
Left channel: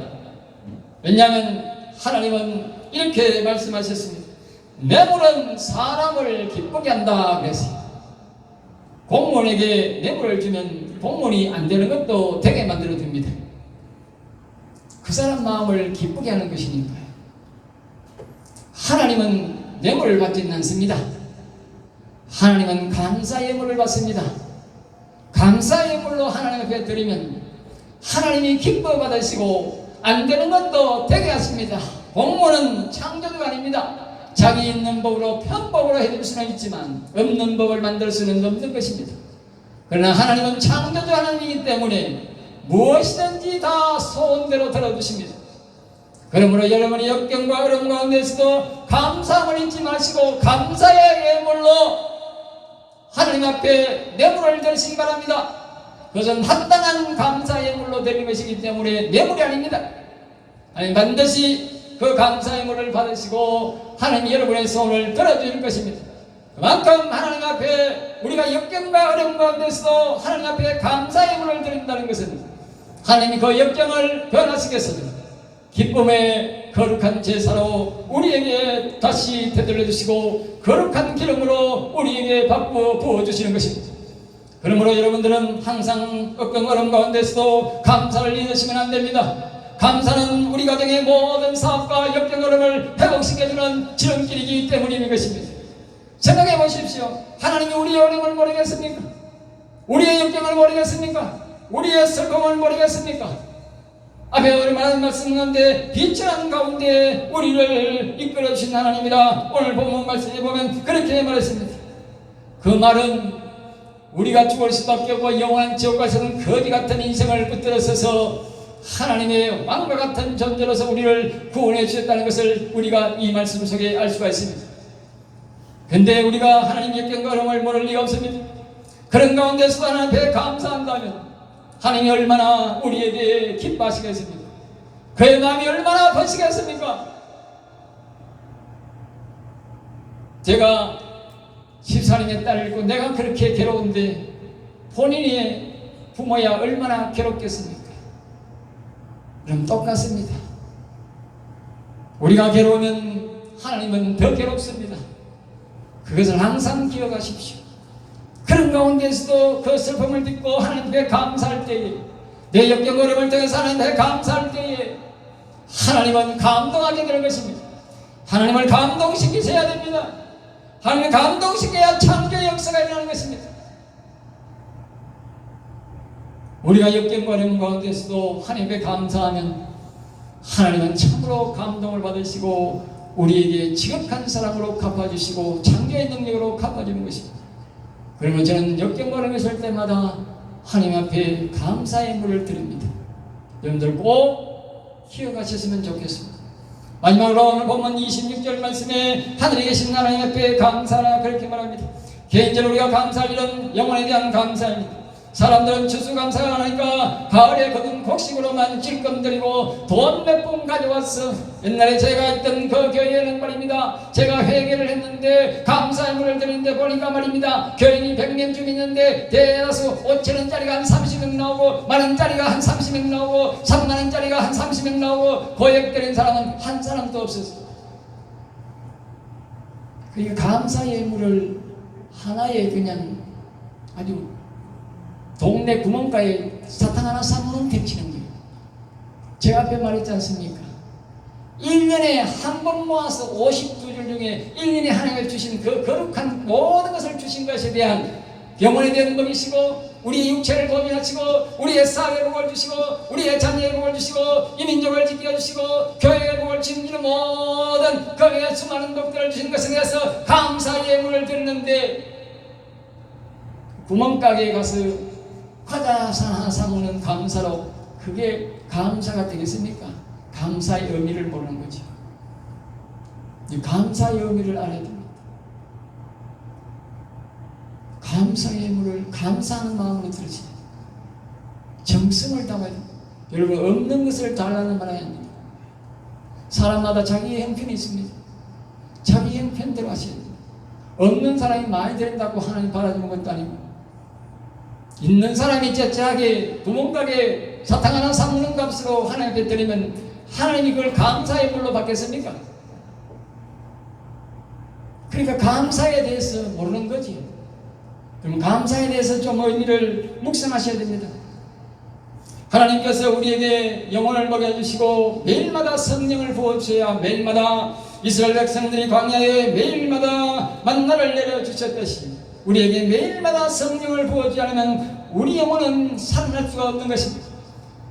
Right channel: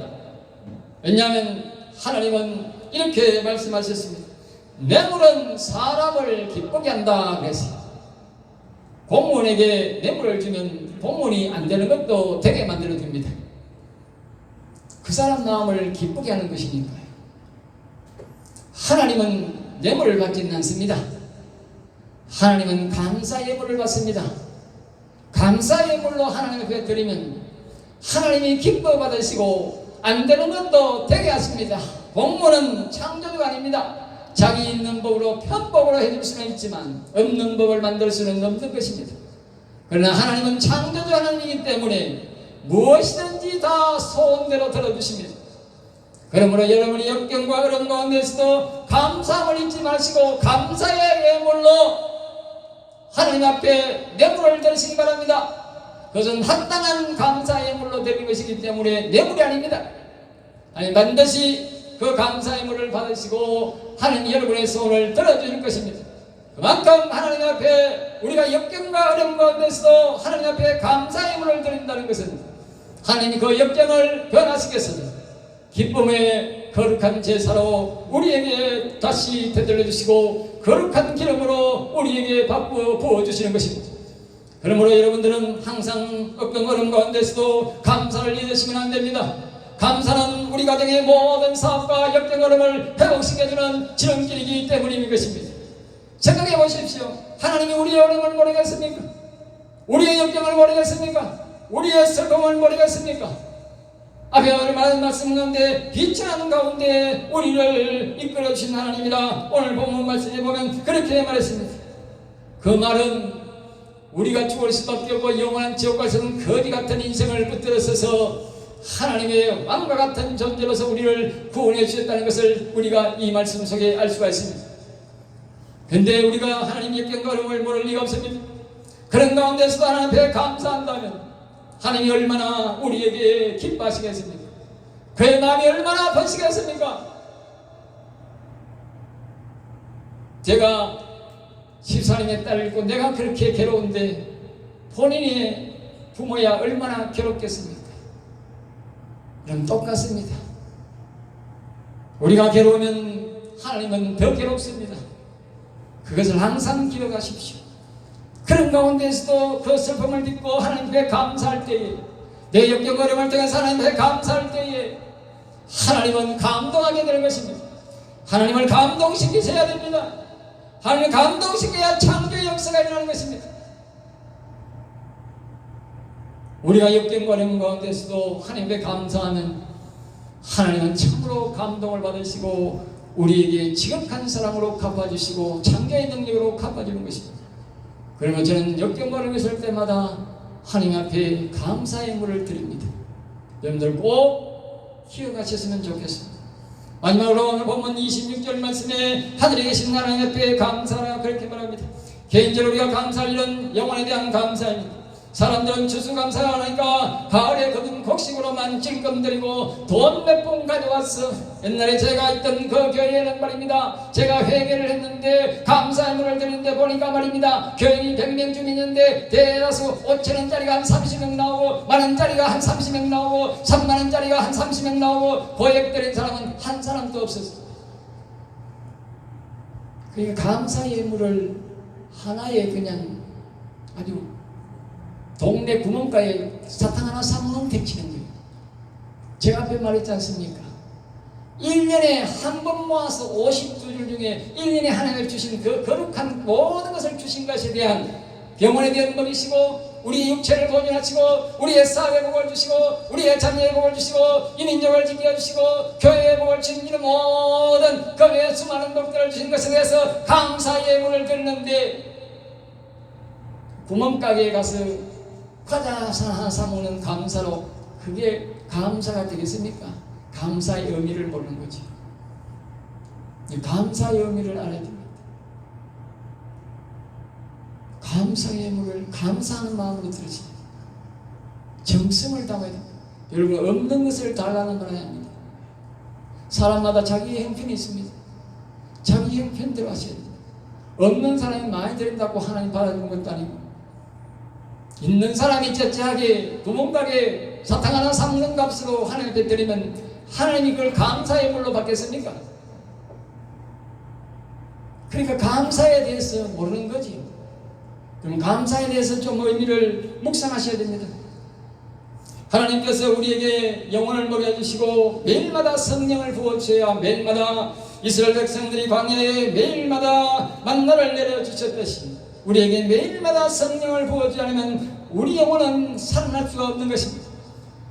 왜냐하면 하나님은 이렇게 말씀하셨습니다. 뇌물은 사람을 기쁘게 한다 그랬어요. 공무원에게 뇌물을 주면 공무원이 안 되는 것도 되게 만들어 줍니다. 그 사람 마음을 기쁘게 하는 것이니까요. 하나님은 뇌물을 받지는 않습니다. 하나님은 감사의 물을 받습니다. 감사의 물로 하나님 앞에 드리면 하나님이 기뻐 받으시고 안 되는 것도 되게 하십니다. 공무원은 창조주가 아닙니다. 자기 있는 법으로 편법으로 해줄 수는 있지만 없는 법을 만들 수는 없는 것입니다. 그러나 하나님은 창조주 하나님이기 때문에 무엇이든지 다 소원대로 들어주십니다. 그러므로 여러분의 역경과 어려움 가운데서도 감사함을 잊지 마시고 감사의 예물로 하나님 앞에 뇌물을 드리시기 바랍니다. 그것은 합당한 감사의 예물로 드리는 것이기 때문에 뇌물이 아닙니다. 아니 반드시 그 감사의 물을 받으시고 하나님 여러분의 소원을 들어주실 것입니다. 그만큼 하나님 앞에 우리가 역경과 어려움 가운데서도 하나님 앞에 감사의 물을 드린다는 것은 하나님이 그 역경을 변화시켜서 기쁨의 거룩한 제사로 우리에게 다시 되돌려 주시고 거룩한 기름으로 우리에게 바꾸어 부어주시는 것입니다. 그러므로 여러분들은 항상 어떤 어려움 가운데서도 감사를 잊으시면 안 됩니다. 감사는 우리 가정의 모든 사업과 역경 어려움을 회복시켜주는 지름길이기 때문인 것입니다. 생각해 보십시오. 하나님이 우리의 어려움을 모르겠습니까? 우리의 역경을 모르겠습니까? 우리의 슬픔을 모르겠습니까? 앞에 얼마나 말씀하는데 빛이라는 가운데 우리를 이끌어 주신 하나님이라 오늘 본문 말씀에 보면 그렇게 말했습니다. 그 말은 우리가 죽을 수밖에 없고 영원한 지옥에서는 거지 같은 인생을 붙들어서서 하나님의 왕과 같은 존재로서 우리를 구원해 주셨다는 것을 우리가 이 말씀 속에 알 수가 있습니다. 그런데 우리가 하나님의 역경과 모를 리가 없습니다. 그런 가운데서도 하나님 앞에 감사한다면 하나님이 얼마나 우리에게 기뻐하시겠습니까? 그의 마음이 얼마나 아프시겠습니까? 제가 집사님의 딸을 잃고 내가 그렇게 괴로운데 본인의 부모야 얼마나 괴롭겠습니까? 그럼 똑같습니다. 우리가 괴로우면 하나님은 더 괴롭습니다. 그것을 항상 기억하십시오. 그런 가운데서도 그 슬픔을 딛고 하나님께 감사할 때에, 내 역경 어려울 때에 하나님께 감사할 때에 하나님은 감동하게 되는 것입니다. 하나님을 감동시키셔야 됩니다. 하나님을 감동시켜야 창조의 역사가 일어나는 것입니다. 우리가 역경과 어려움 가운데서도 하나님께 감사하면 하나님은 참으로 감동을 받으시고 우리에게 지극한 사랑으로 갚아주시고 창조의 능력으로 갚아주는 것입니다. 그러면 저는 역경과 어려움이 있을 때마다 하나님 앞에 감사의 물을 드립니다. 여러분들 꼭 기억하셨으면 좋겠습니다. 마지막으로 오늘 본문 26절 말씀에 하늘에 계신 하나님 앞에 감사라 그렇게 말합니다. 개인적으로 우리가 감사할 일은 영혼에 대한 감사입니다. 사람들은 추수감사를 하니까 가을에 거둔 곡식으로만 찔끔 드리고 돈 몇 푼 가져왔어. 옛날에 제가 있던 그 교회에는 말입니다, 제가 회개를 했는데 감사의 물을 드리는데 보니까 말입니다, 교인이 100명 중 있는데 대다수 5,000원짜리가 한 30명 나오고 만원짜리가 한 30명 나오고 3만원짜리가 한 30명 나오고 고액 드린 사람은 한 사람도 없었어요. 그러니까 감사의 물을 하나에 그냥 아주 동네 구멍가에 사탕 하나 사면 택치는 거예요. 제가 앞에 말했지 않습니까? 1년에 한 번 모아서 52줄 중에 1년에 하나님을 주신 그 거룩한 모든 것을 주신 것에 대한 영혼에 대한 복이시고 우리의 육체를 보존하시고 우리의 사회의 복을 주시고 우리의 자녀의 복을 주시고 이 민족을 지켜주시고 교회의 복을 주시는 모든 그 수많은 복들을 주신 것에 대해서 감사의 예물을 드리는데 구멍가게에 가서 과자 하나 사먹는 감사로 그게 감사가 되겠습니까? 감사의 의미를 모르는 거죠. 감사의 의미를 알아야 됩니다. 감사의 의미를 감사하는 마음으로 들으셔야 돼요. 정성을 담아야 됩니다. 여러분 없는 것을 달라는 말 아닙니다. 사람마다 자기의 형편이 있습니다. 자기 형편대로 하셔야 됩니다. 없는 사람이 많이 드린다고 하나님 받아주는 것도 아니고 있는 사람이 째째하게 구멍가게 사탕 하나 사먹는 값으로 하나님께 드리면 하나님이 그걸 감사의 물로 받겠습니까? 그러니까 감사에 대해서 모르는 거지. 그럼 감사에 대해서 좀 의미를 묵상하셔야 됩니다. 하나님께서 우리에게 영혼을 먹여주시고 매일마다 성령을 부어주셔야 매일마다 이스라엘 백성들이 광야에 매일마다 만나를 내려주셨듯이 우리에게 매일마다 성령을 부어주지 않으면 우리 영혼은 살아날 수가 없는 것입니다.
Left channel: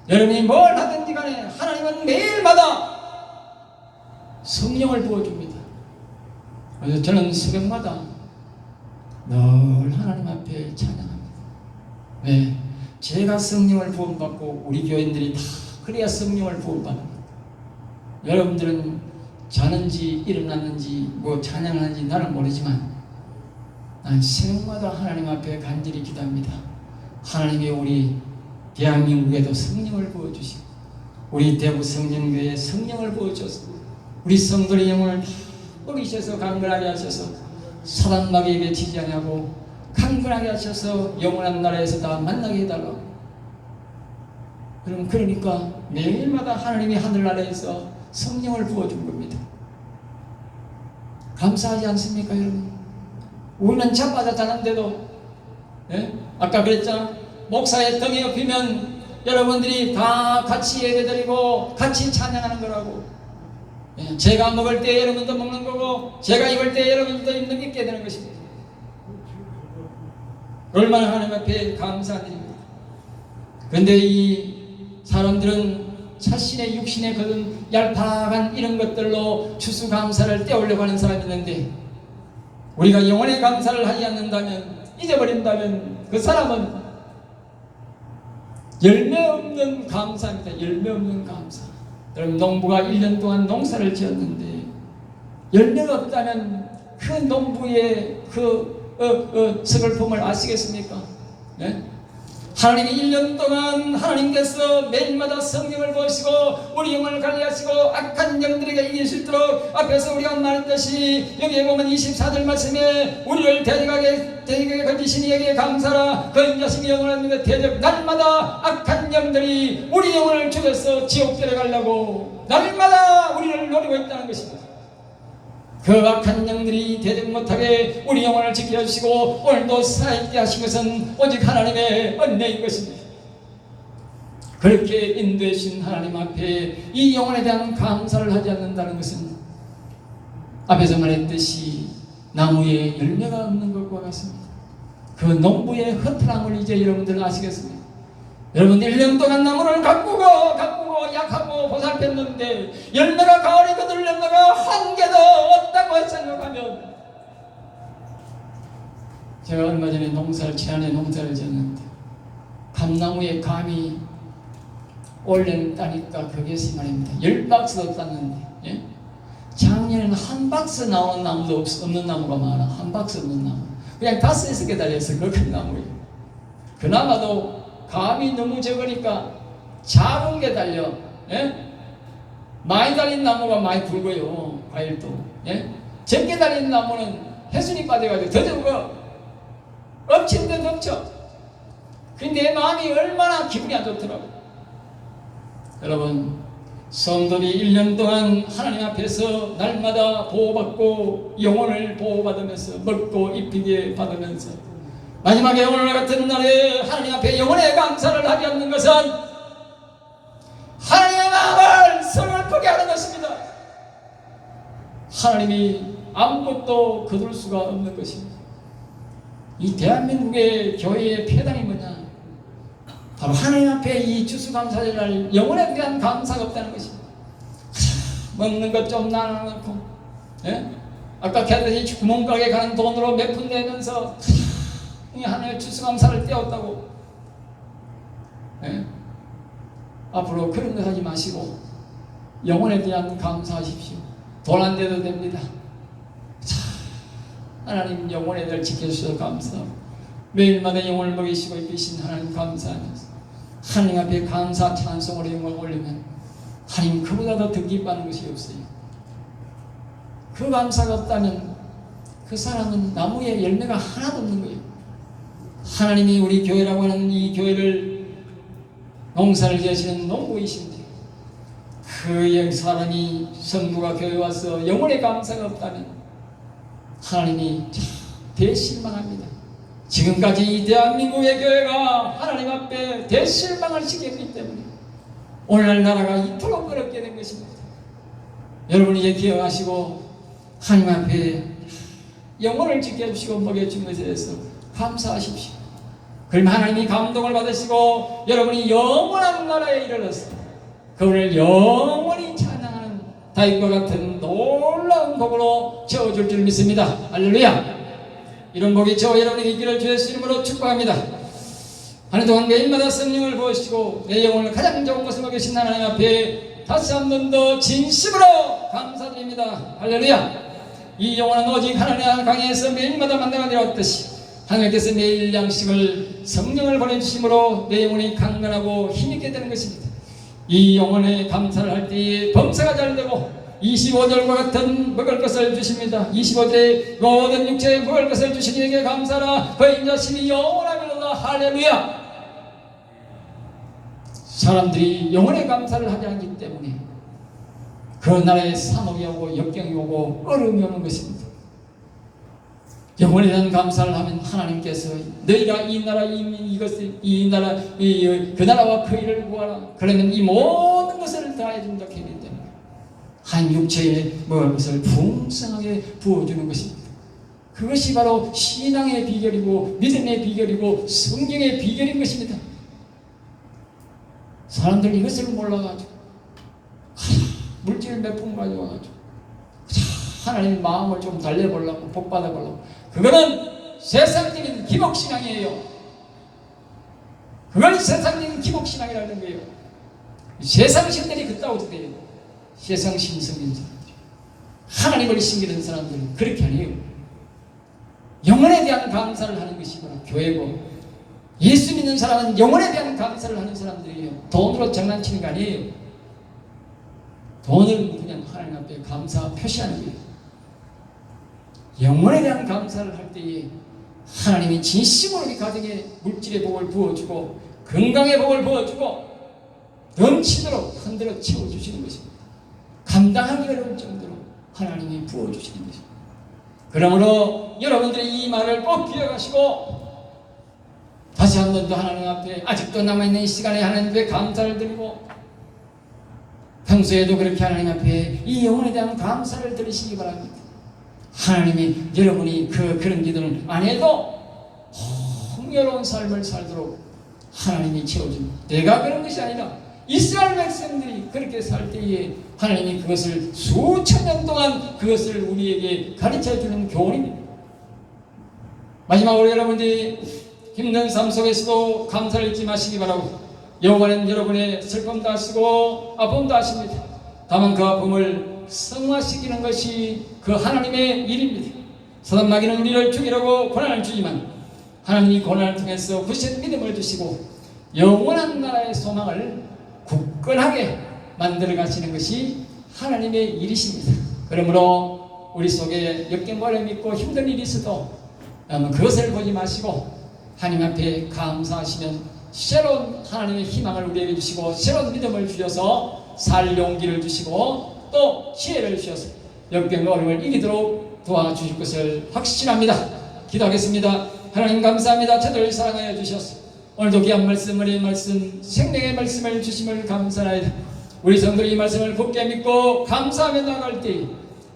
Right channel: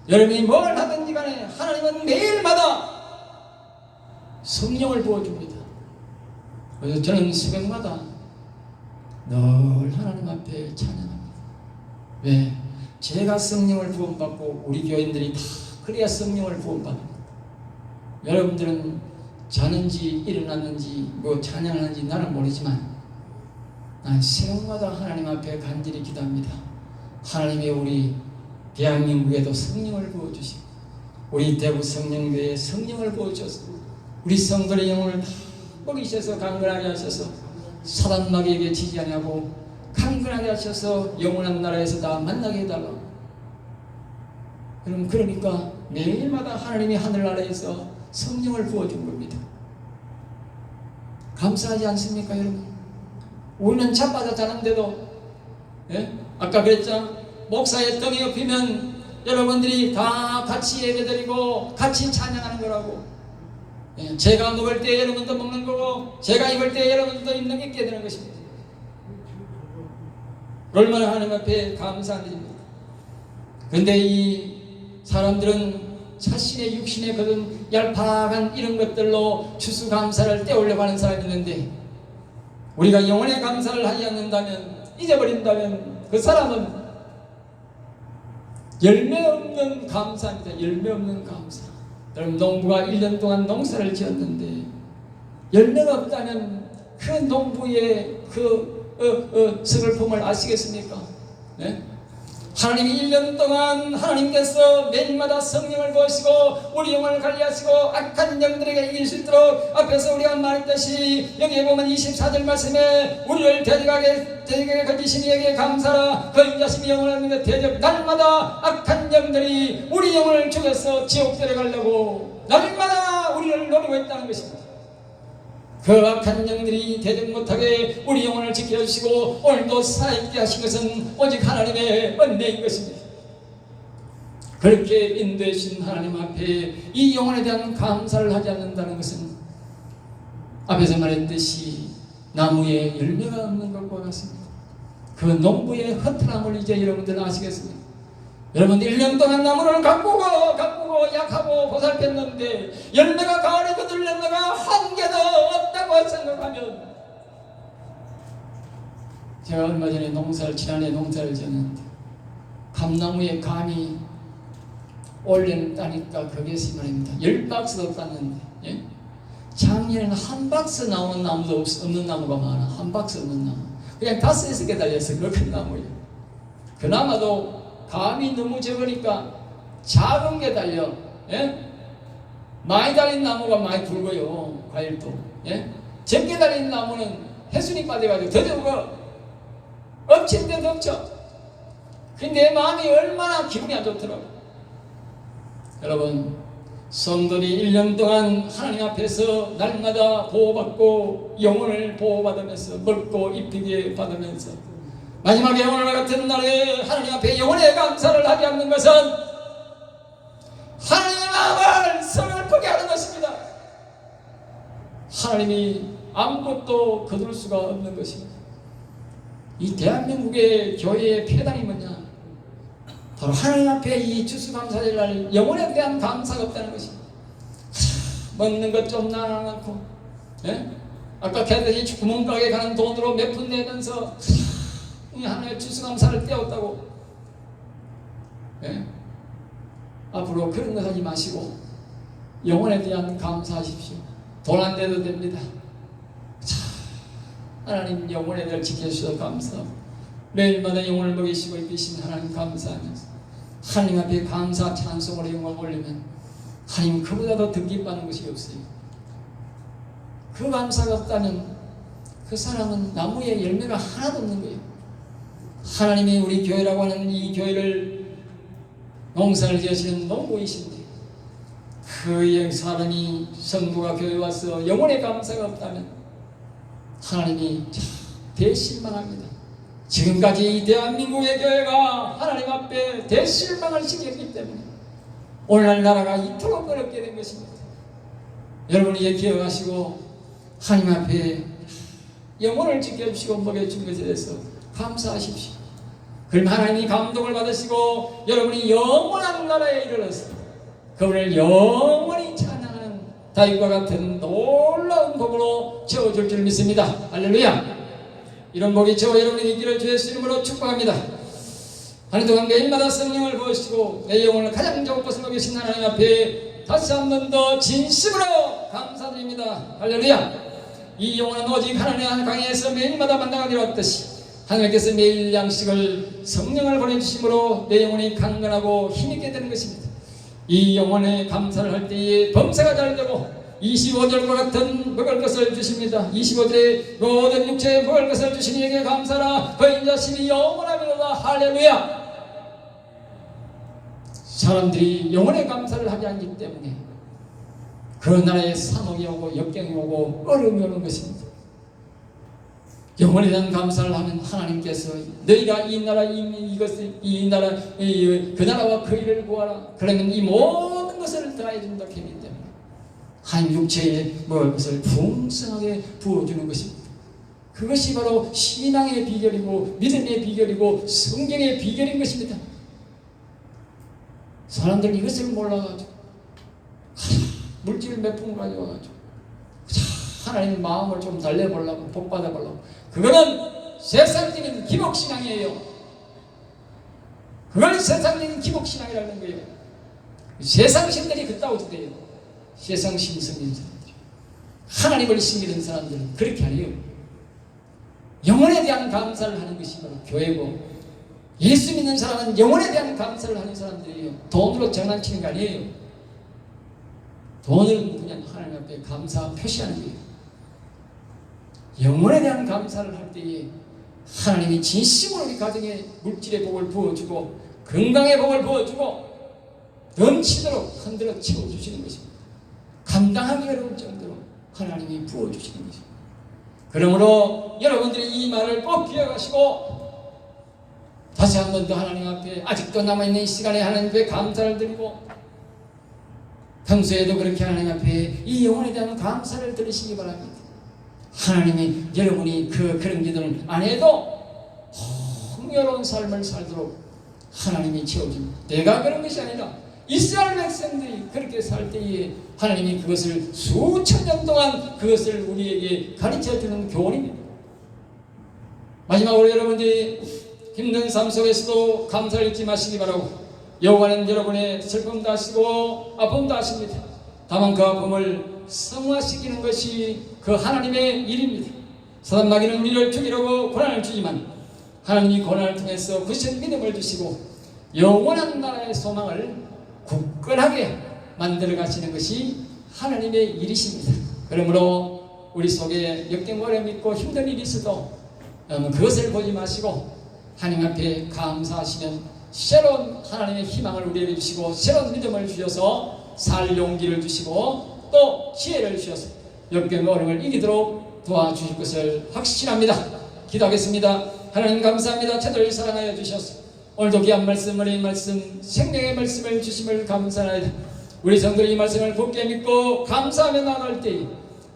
여러분이 뭘 하든지 간에 하나님은 매일마다 성령을 부어줍니다. 그래서 저는 새벽마다 늘 하나님 앞에 찬양합니다. 왜? 제가 성령을 부음받고 우리 교인들이 다 그래야 성령을 부음받습니다. 여러분들은 자는지 일어났는지 뭐 찬양하는지 나는 모르지만 난 새벽마다 하나님 앞에 간절히 기도합니다. 하나님의 우리 대한민국에도 성령을 부어주시고 우리 대구 성령교회에 성령을 부어주셔서 우리 성도의 영혼을 다 먹이셔서 강건하게 하셔서 사단 마귀에게 지지 않고 강건하게 하셔서 영원한 나라에서 다 만나게 해달라고. 그러니까 매일마다 하나님이 하늘나라에서 성령을 부어준 겁니다. 감사하지 않습니까 여러분? 우리는 잠마다 자는데도 아까 그랬잖아. 목사의 등에 업히면 여러분들이 다 같이 예배드리고 같이 찬양하는 거라고. 제가 먹을 때 여러분도 먹는 거고 제가 입을 때 여러분도 입게 되는 것입니다. 얼마나 하나님 앞에 감사한 일입니다. 그런데 이 사람들은 자신의 육신에 거둔 얄팍한 이런 것들로 추수감사를 떼우려고 하는 사람이 있는데, 우리가 영혼의 감사를 하지 않는다면, 잊어버린다면 그 사람은 열매 없는 감사입니다. 열매 없는 감사. 여러분, 농부가 1년 동안 농사를 지었는데 열매가 없다면 그 농부의 서글픔을 아시겠습니까? 네? 하나님이 1년 동안 하나님께서 매일마다 성령을 보시고 우리 영혼을 관리하시고 악한 영들에게 이길 수 있도록, 앞에서 우리가 말했듯이 여기에 보면 24절 말씀에 우리를 대적하게 거짓신 이에게 감사라. 그 인자심이 영원한 믿어 대적, 날마다 악한 영들이 우리 영혼을 죽여서 지옥 데려가려고 날마다 우리를 노리고 있다는 것입니다. 그 악한 영들이 대적 못하게 우리 영혼을 지켜주시고 오늘도 살아있게 하신 것은 오직 하나님의 은혜인 것입니다. 그렇게 인도해 주신 하나님 앞에 이 영혼에 대한 감사를 하지 않는다는 것은 앞에서 말했듯이 나무에 열매가 없는 것과 같습니다. 그 농부의 허탈함을 이제 여러분들은 아시겠습니까? 여러분, 1년 동안 나무를 가꾸고 약하고 보살폈는데 열매가 가을에 거둘 열매가 한 개도 없다고 생각하면, 제가 얼마 전에 지난해 농사를 지었는데 감나무에 감이 올해는 따니까 거기에서 말입니다. 10박스도 땄는데, 예? 작년에는 한 박스 나온 나무도 없는 나무가 많아. 한 박스 없는 나무, 그냥 5, 6개 달려서 그렇게 나무예요. 그나마도 감이 너무 적으니까 작은 게 달려. 예? 많이 달린 나무가 많이 굵어요. 과일도. 예? 적게 달린 나무는 해순이 빠져가지고 더 적어. 엎친데 덮쳐. 근데 내 마음이 얼마나 기분이 안 좋더라고요. 여러분, 성도들이 1년 동안 하나님 앞에서 날마다 보호받고 영혼을 보호받으면서 먹고 입히게 받으면서 마지막에 오늘 같은 날에 하나님 앞에 영혼의 감사를 하지 않는 것은 하나님의 마음을 서글프게 하는 것입니다. 하나님이 아무것도 거둘 수가 없는 것입니다. 이 대한민국의 교회의 폐당이 뭐냐? 바로 하나님 앞에 이 추수감사절날 영혼에 대한 감사가 없다는 것입니다. 먹는 것 좀 나눠놓고, 예? 아까 걔들이 구멍가게 가는 돈으로 몇 푼 내면서 하나님의 추수감사를 떼었다고. 예? 앞으로 그런 것 하지 마시고 영혼에 대한 감사하십시오. 돈 안 내도 됩니다. 하나님 영혼에 대해 지켜주셔서 감사하고 매일마다 영혼을 먹이시고 입히신 하나님 감사하면서 하나님 앞에 감사 찬송으로 영광을 올리면 하나님 그보다 더 기뻐하는 것이 없어요. 그 감사가 없다면 그 사람은 나무에 열매가 하나도 없는 거예요. 하나님이 우리 교회라고 하는 이 교회를 농사를 지으시는 농부이신데 그 사람이 성부가 교회에 와서 영혼의 감사가 없다면 하나님이 대실망합니다. 지금까지 이 대한민국의 교회가 하나님 앞에 대실망을 시켰기 때문에 오늘날 나라가 이토록 어렵게 된 것입니다. 여러분이 이제 기억하시고 하나님 앞에 영혼을 지켜주시고 먹여준 것에 대해서 감사하십시오. 그러면 하나님이 감동을 받으시고 여러분이 영원한 나라에 이르러서 그분을 영원히 찬양하는 다윗과 같은 놀라운 복으로 채워줄 줄 믿습니다. 할렐루야. 이런 복이 저와 여러분이 있기를 주의 이름으로 축복합니다. 한 해 동안 매일마다 성령을 부으시고 내 영혼을 가장 좋은 곳에 먹이신 하나님 앞에 다시 한 번 더 진심으로 감사드립니다. 할렐루야. 이 영혼은 오직 하나님의 강에서 매일마다 만나가 되었듯이 하나님께서 매일 양식을 성령을 보내주심으로 내 영혼이 강건하고 힘있게 되는 것입니다. 이 영혼에 감사를 할 때에 범사가 잘 되고 25절과 같은 먹을 것을 주십니다. 25절에 모든 육체에 먹을 것을 주신 이에게 감사라. 그 인자심이 영원하면로다. 할렐루야. 사람들이 영혼에 감사를 하지 않기 때문에 그 나라에 사목이 오고 역경이 오고 어려움이 오는 것입니다. 영혼에 대한 감사를 하면 하나님께서 너희가 이 나라 이 나라 그 나라와 그 일을 구하라. 그러면 이 모든 것을 다 해준다 했기 때문에 한 육체에 먹을 것을 풍성하게 부어주는 것입니다. 그것이 바로 신앙의 비결이고 믿음의 비결이고 성경의 비결인 것입니다. 사람들이 이것을 몰라가지고 물질 몇 푼 가져와가지고 하나님의 마음을 좀 달래보려고 복 받아보려고, 그거는 세상적인 기복신앙이에요. 그걸 세상적인 기복신앙이라는 거예요. 세상신들이 그따위 돼요. 세상 신성인 사람들, 하나님을 신기는 사람들은 그렇게 아니에요. 영혼에 대한 감사를 하는 것이 바로 교회고, 예수 믿는 사람은 영혼에 대한 감사를 하는 사람들이에요. 돈으로 장난치는 거 아니에요. 돈을 그냥 하나님 앞에 감사 표시하는 거예요. 영혼에 대한 감사를 할 때에 하나님이 진심으로 우리 가정에 물질의 복을 부어주고 건강의 복을 부어주고 넘치도록 흔들어 채워주시는 것입니다. 감당하기 어려울 정도로 하나님이 부어주시는 것입니다. 그러므로 여러분들이 이 말을 꼭 기억하시고 다시 한 번 더 하나님 앞에 아직도 남아있는 시간에 하나님 앞에 감사를 드리고, 평소에도 그렇게 하나님 앞에 이 영혼에 대한 감사를 드리시기 바랍니다. 하나님이 여러분이 그런 기도를 안 해도 풍요로운 삶을 살도록 하나님이 채워줍니다. 내가 그런 것이 아니라 이스라엘 백성들이 그렇게 살 때에 하나님이 그것을 수천 년 동안 그것을 우리에게 가르쳐주는 교훈입니다. 마지막으로 여러분들이 힘든 삶 속에서도 감사를 잊지 마시기 바라고, 여호와는 여러분의 슬픔도 하시고 아픔도 하십니다. 다만 그 아픔을 성화시키는 것이 그 하나님의 일입니다. 사단 마귀는 우리를 죽이려고 고난을 주지만 하나님이 고난을 통해서 굳은 믿음을 주시고 영원한 나라의 소망을 굳건하게 만들어 가시는 것이 하나님의 일이십니다. 그러므로 우리 속에 역경과 어려움이 있고 힘든 일이 있어도 그것을 보지 마시고 하나님 앞에 감사하시면 새로운 하나님의 희망을 우리에게 주시고 새로운 믿음을 주셔서 살 용기를 주시고 또 지혜를 주셔서 역경과 어려움을 이기도록 도와주실 것을 확신합니다. 기도하겠습니다. 하나님 감사합니다. 저들을 사랑하여 주셔서 오늘도 귀한 말씀, 은혜의 말씀, 생명의 말씀을 주심을 감사하여 우리 성도의 이 말씀을 굳게 믿고 감사하며 나갈 때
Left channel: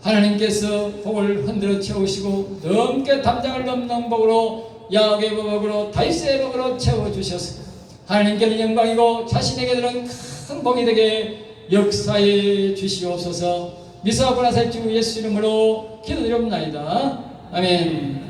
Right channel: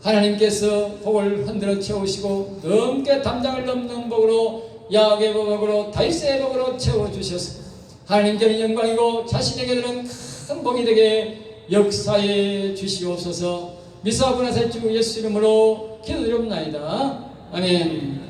하나님께서 복을 흔들어 채우시고 넘게 담장을 넘는 복으로 야곱의 복으로 다윗의 복으로 채워주셔서 하나님께는 영광이고 자신에게 드는 큰 복이 되게 역사해 주시옵소서. 미사하고 나살 주 예수 이름으로 기도드립니다. 아멘.